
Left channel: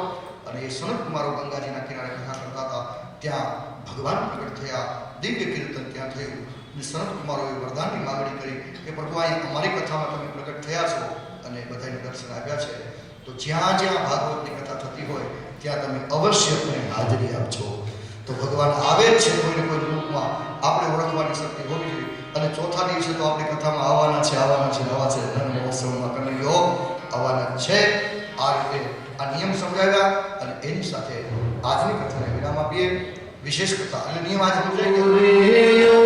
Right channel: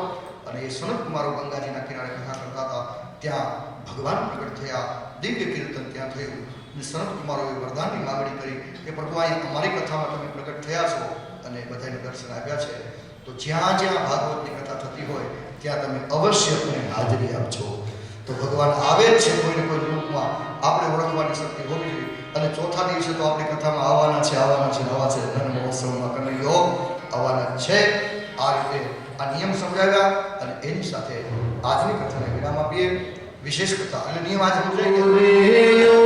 અને એ સનત કુમારો ગંગાજીના કિનારે કથા કરતા હતા, ત્યાં ભગવાન પ્રગટ થયા, દિવ્ય કીર્તન ત્યાં થયું. અને સનત કુમારોએ વરદાનની માગણી કરી કે પ્રભુ અહીં અમારી કથામાં તમે પ્રગટ થયા છો અને બધાને દર્શન આપ્યા છે, તો જ્યાં જ્યાં ભાગવતની કથા થતી હોય ત્યાં તમે અવશ્ય મને હાજરી આપજો. તો ભગવાન આવે જ છે કોઈને કોઈ રૂપમાં, આપણે ઓળખવાની શક્તિ હોવી જોઈએ. અને ચોથા દિવસે તો આપણી કથામાં આવવાના છે, નવા છે. ધન મહોત્સવમાં કનૈયો આવવાના છે. આ રીતે આ નિયમ સમજાવ્યા અને એની સાથે આજની કથાને વિરામ આપીએ. વિશેષ કથા એટલે નિયમ આજે સમજાઈ ગયો.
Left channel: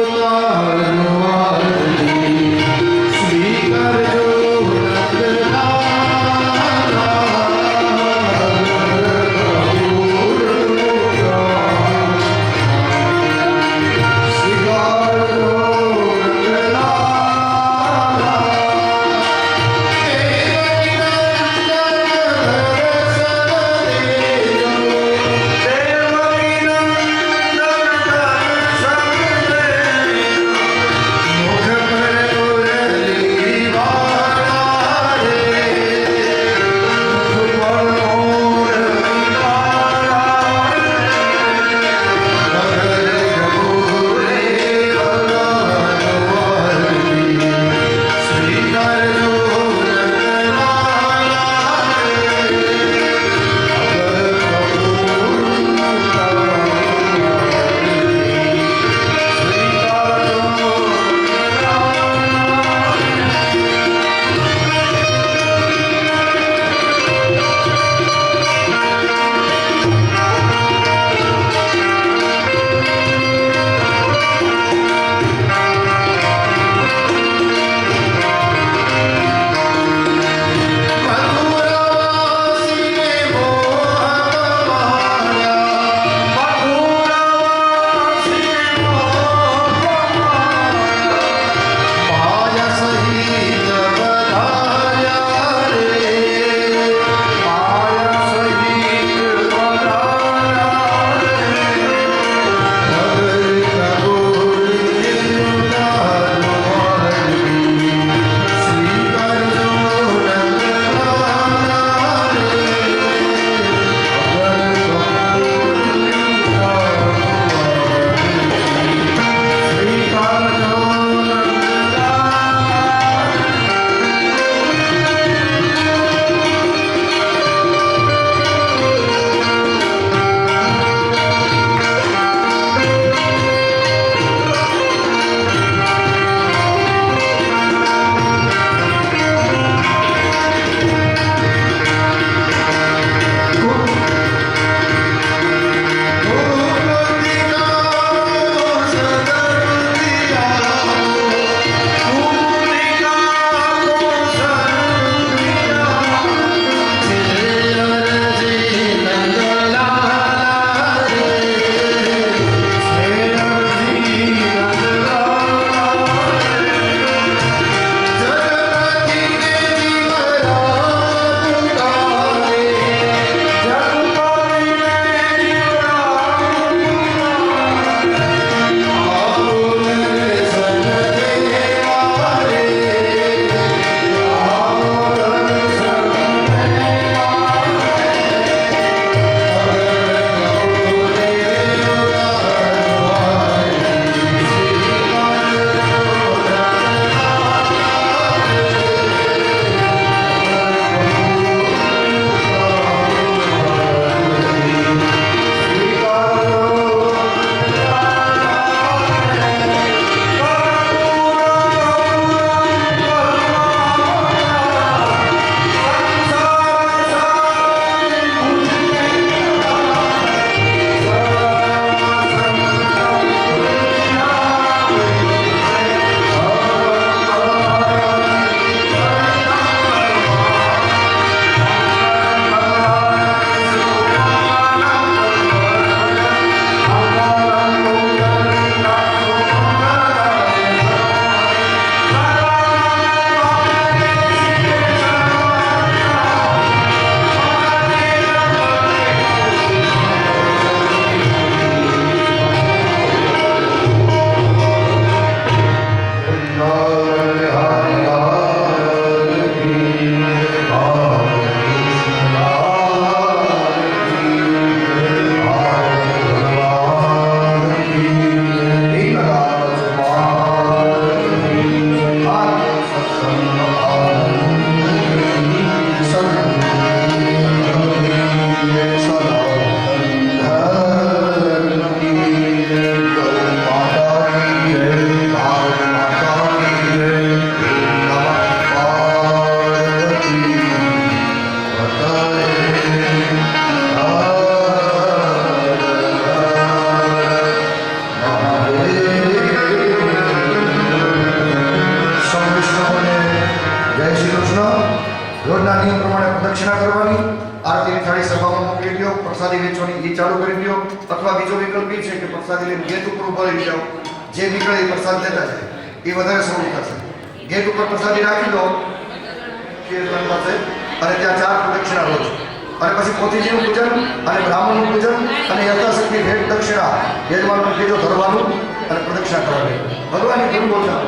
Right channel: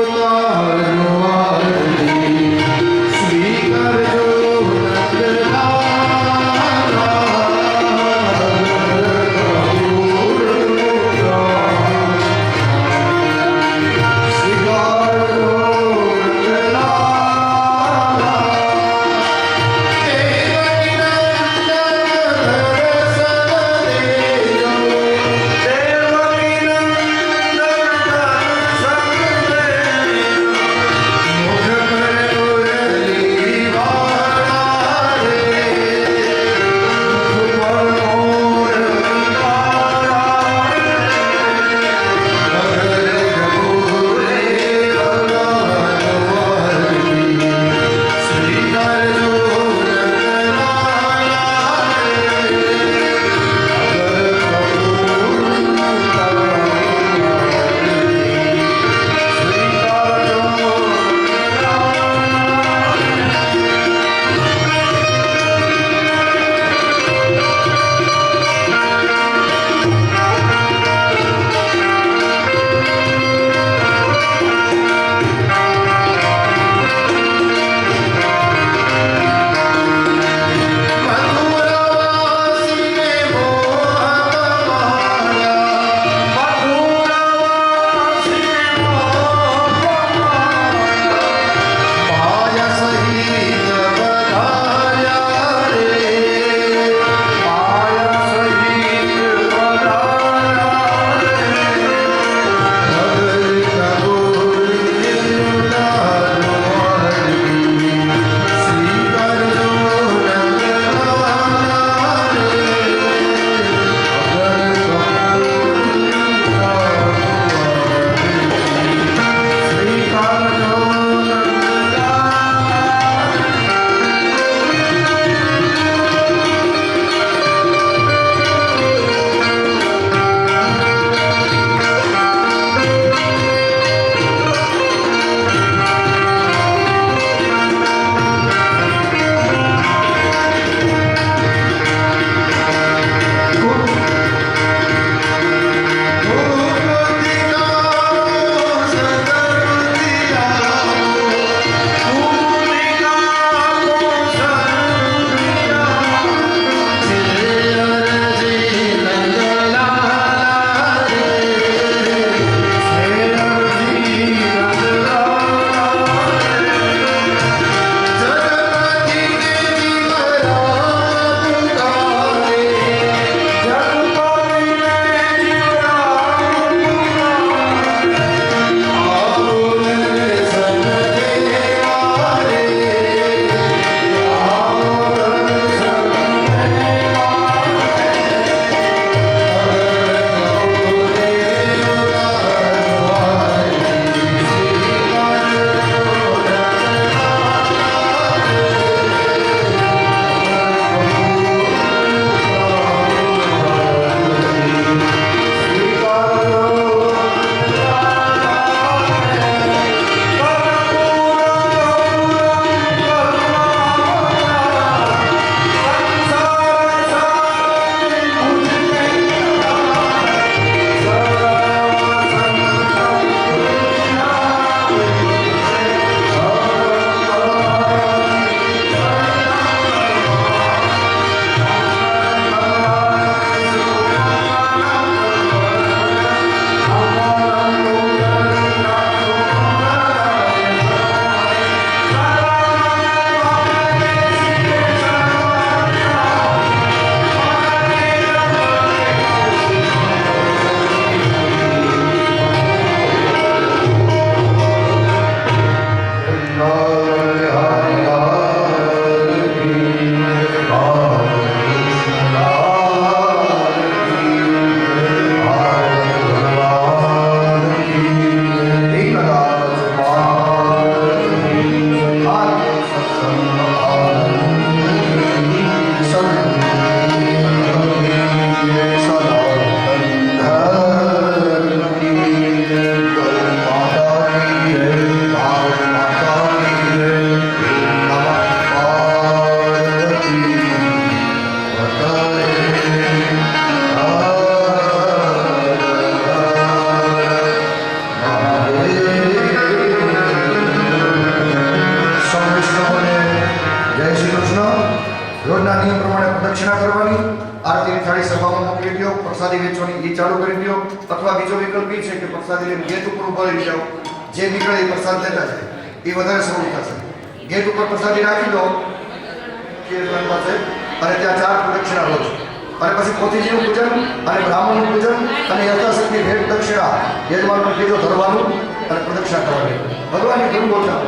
રોજના નિયમ પ્રમાણે પ્રદક્ષિણા કરવાની, આરતીની થાળી સભામાં મોકલી દો, પ્રસાદી વેચવાની એ ચાલુ કરી દો, અથવા બીજો વિકલ્પ એ છે કે પ્રસાદી લઈને ગેટ ઉપર ઉભા રહી જાઓ, જે નીકળે એ પ્રસાદ લેતા જાય, એ વધારે સરળ થશે. ગેટ ઉપર પ્રસાદી રાખી દો કીર્તન પાસે, અને ત્યાં 4 પ્રદક્ષિણા રોજ, અને પછી પોતીજીનું પૂજન અને બ્રાહ્મણનું પૂજન અને યથાશક્તિ ભેટ દક્ષિણા યજમાનનું કીધું ધરવાનું અને પ્રદક્ષિણા કરવાની. ભગવાનની ધૂન બોલતા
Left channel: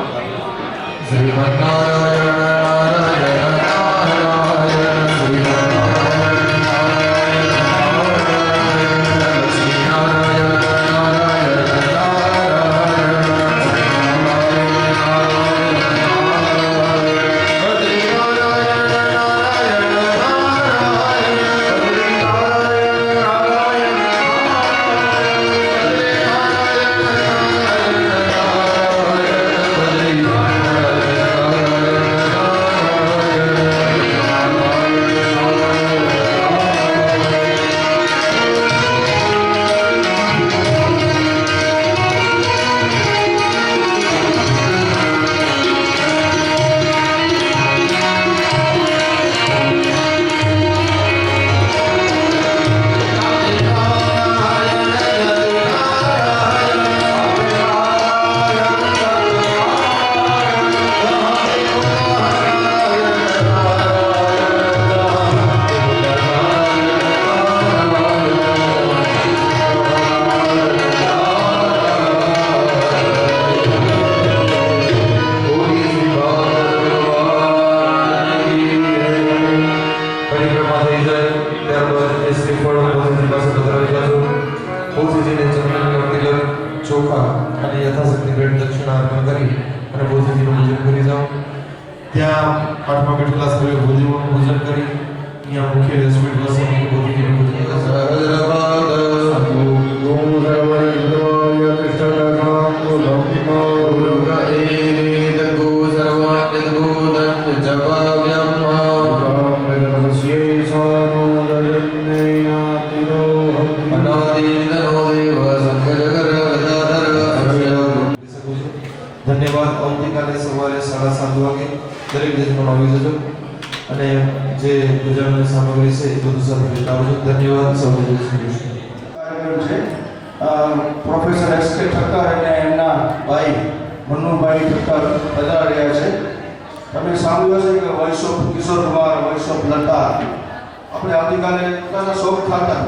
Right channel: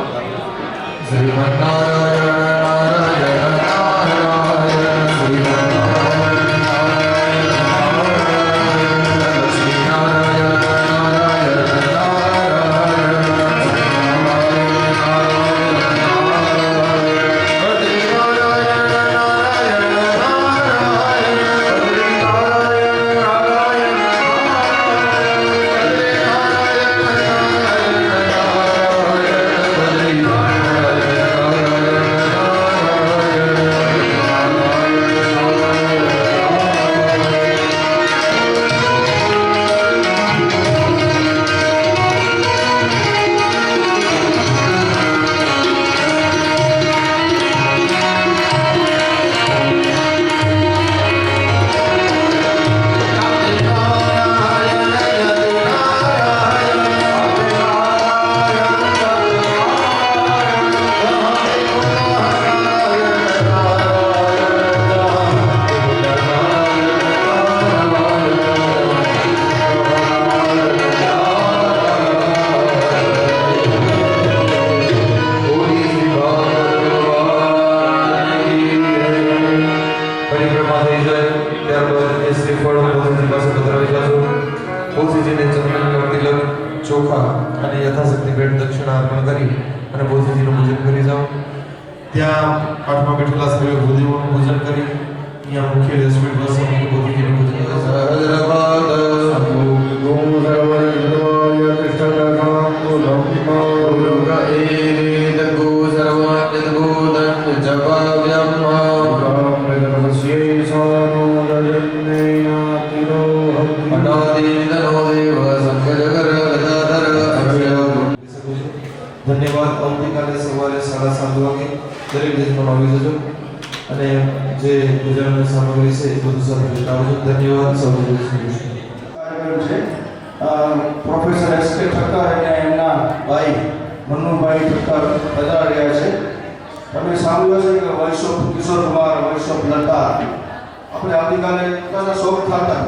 ચોખા અને યથાશક્તિ ભેટ દક્ષિણા અર્પણ કરી અને બોધિજીનું પૂજન કરી જાઓ. ત્યાં પાઠમાં બેઠેલા સભ્યો બોધિજીનું પૂજન કરી અહીંયા મુખ્ય રેસ્ટોરન્ટ વસવાની બોધિજીનું પૂજન ધન્યવાદ. આવતીકાલે સવારે 7:30 વાગે દરેક જજમાન આવી જજો અને જે પૂજાની સામગ્રી છે એ બધું સાથે લેતા આવજો. ધન્યવાદ. સૌને જય શ્રી કૃષ્ણ. પ્રોફેસર એસ.કે. ઠક્કર અને એમના ભાઈ મન્નુભાઈ ઠક્કર પધાર્યા છે. તમે સાંભળ્યું હશે કે voice of Kishore Kumar, voice of Lata, આપણે આવતીકાલે પોતાના શોખ ખાતા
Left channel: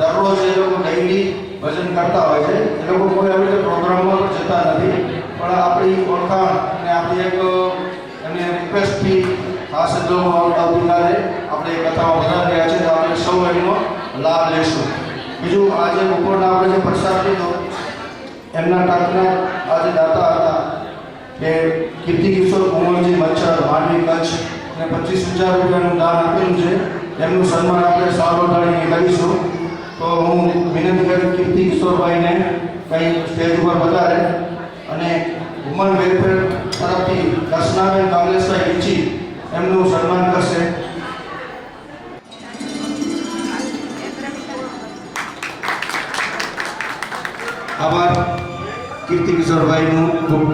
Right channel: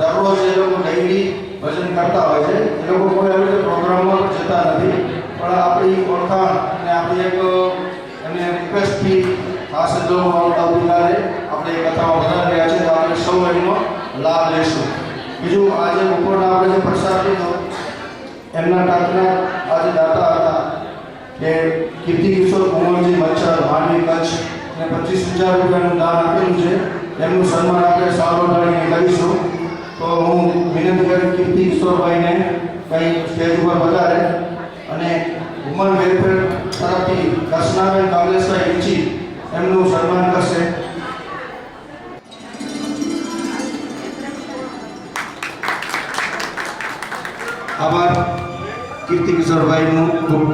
દરરોજ એ લોકો ડેઇલી ભજન કરતા હોય છે. એ લોકો કોઈ આવી રીતે પ્રોગ્રામમાં જતા નથી, પણ આપણી ઓળખાણ અને આપણી એક એમને રિક્વેસ્ટથી ખાસ જો આવતીકાલે આપણે કથામાં વધારી રહ્યા છે તો આપણે સૌ એનો લાભ લેશું. બીજું આજે બપોરના આપણે જે પ્રસાદ લીધો એમના ટાંકના આજે દાતા હતા કે કીર્તિ કિશોર કુંવરજી મચ્છર, માંડવી, કચ્છ ને 25,000 રૂપિયાનું દાન આપેલું છે. એમનું સન્માન આપણે સારો ઢાળીને કરીશું. તો હું વિનંતી કરી કીર્તિ કિશોરભાઈને કંઈ સ્ટેજ ઉપર પધારે અને વુમન વેલફેર તરફથી દર્શનાબેન કાંગ્રેસભાઈ ઈચી એમનું સન્માન કરશે. આભાર. કીર્તિ કિશોરભાઈનું ખૂબ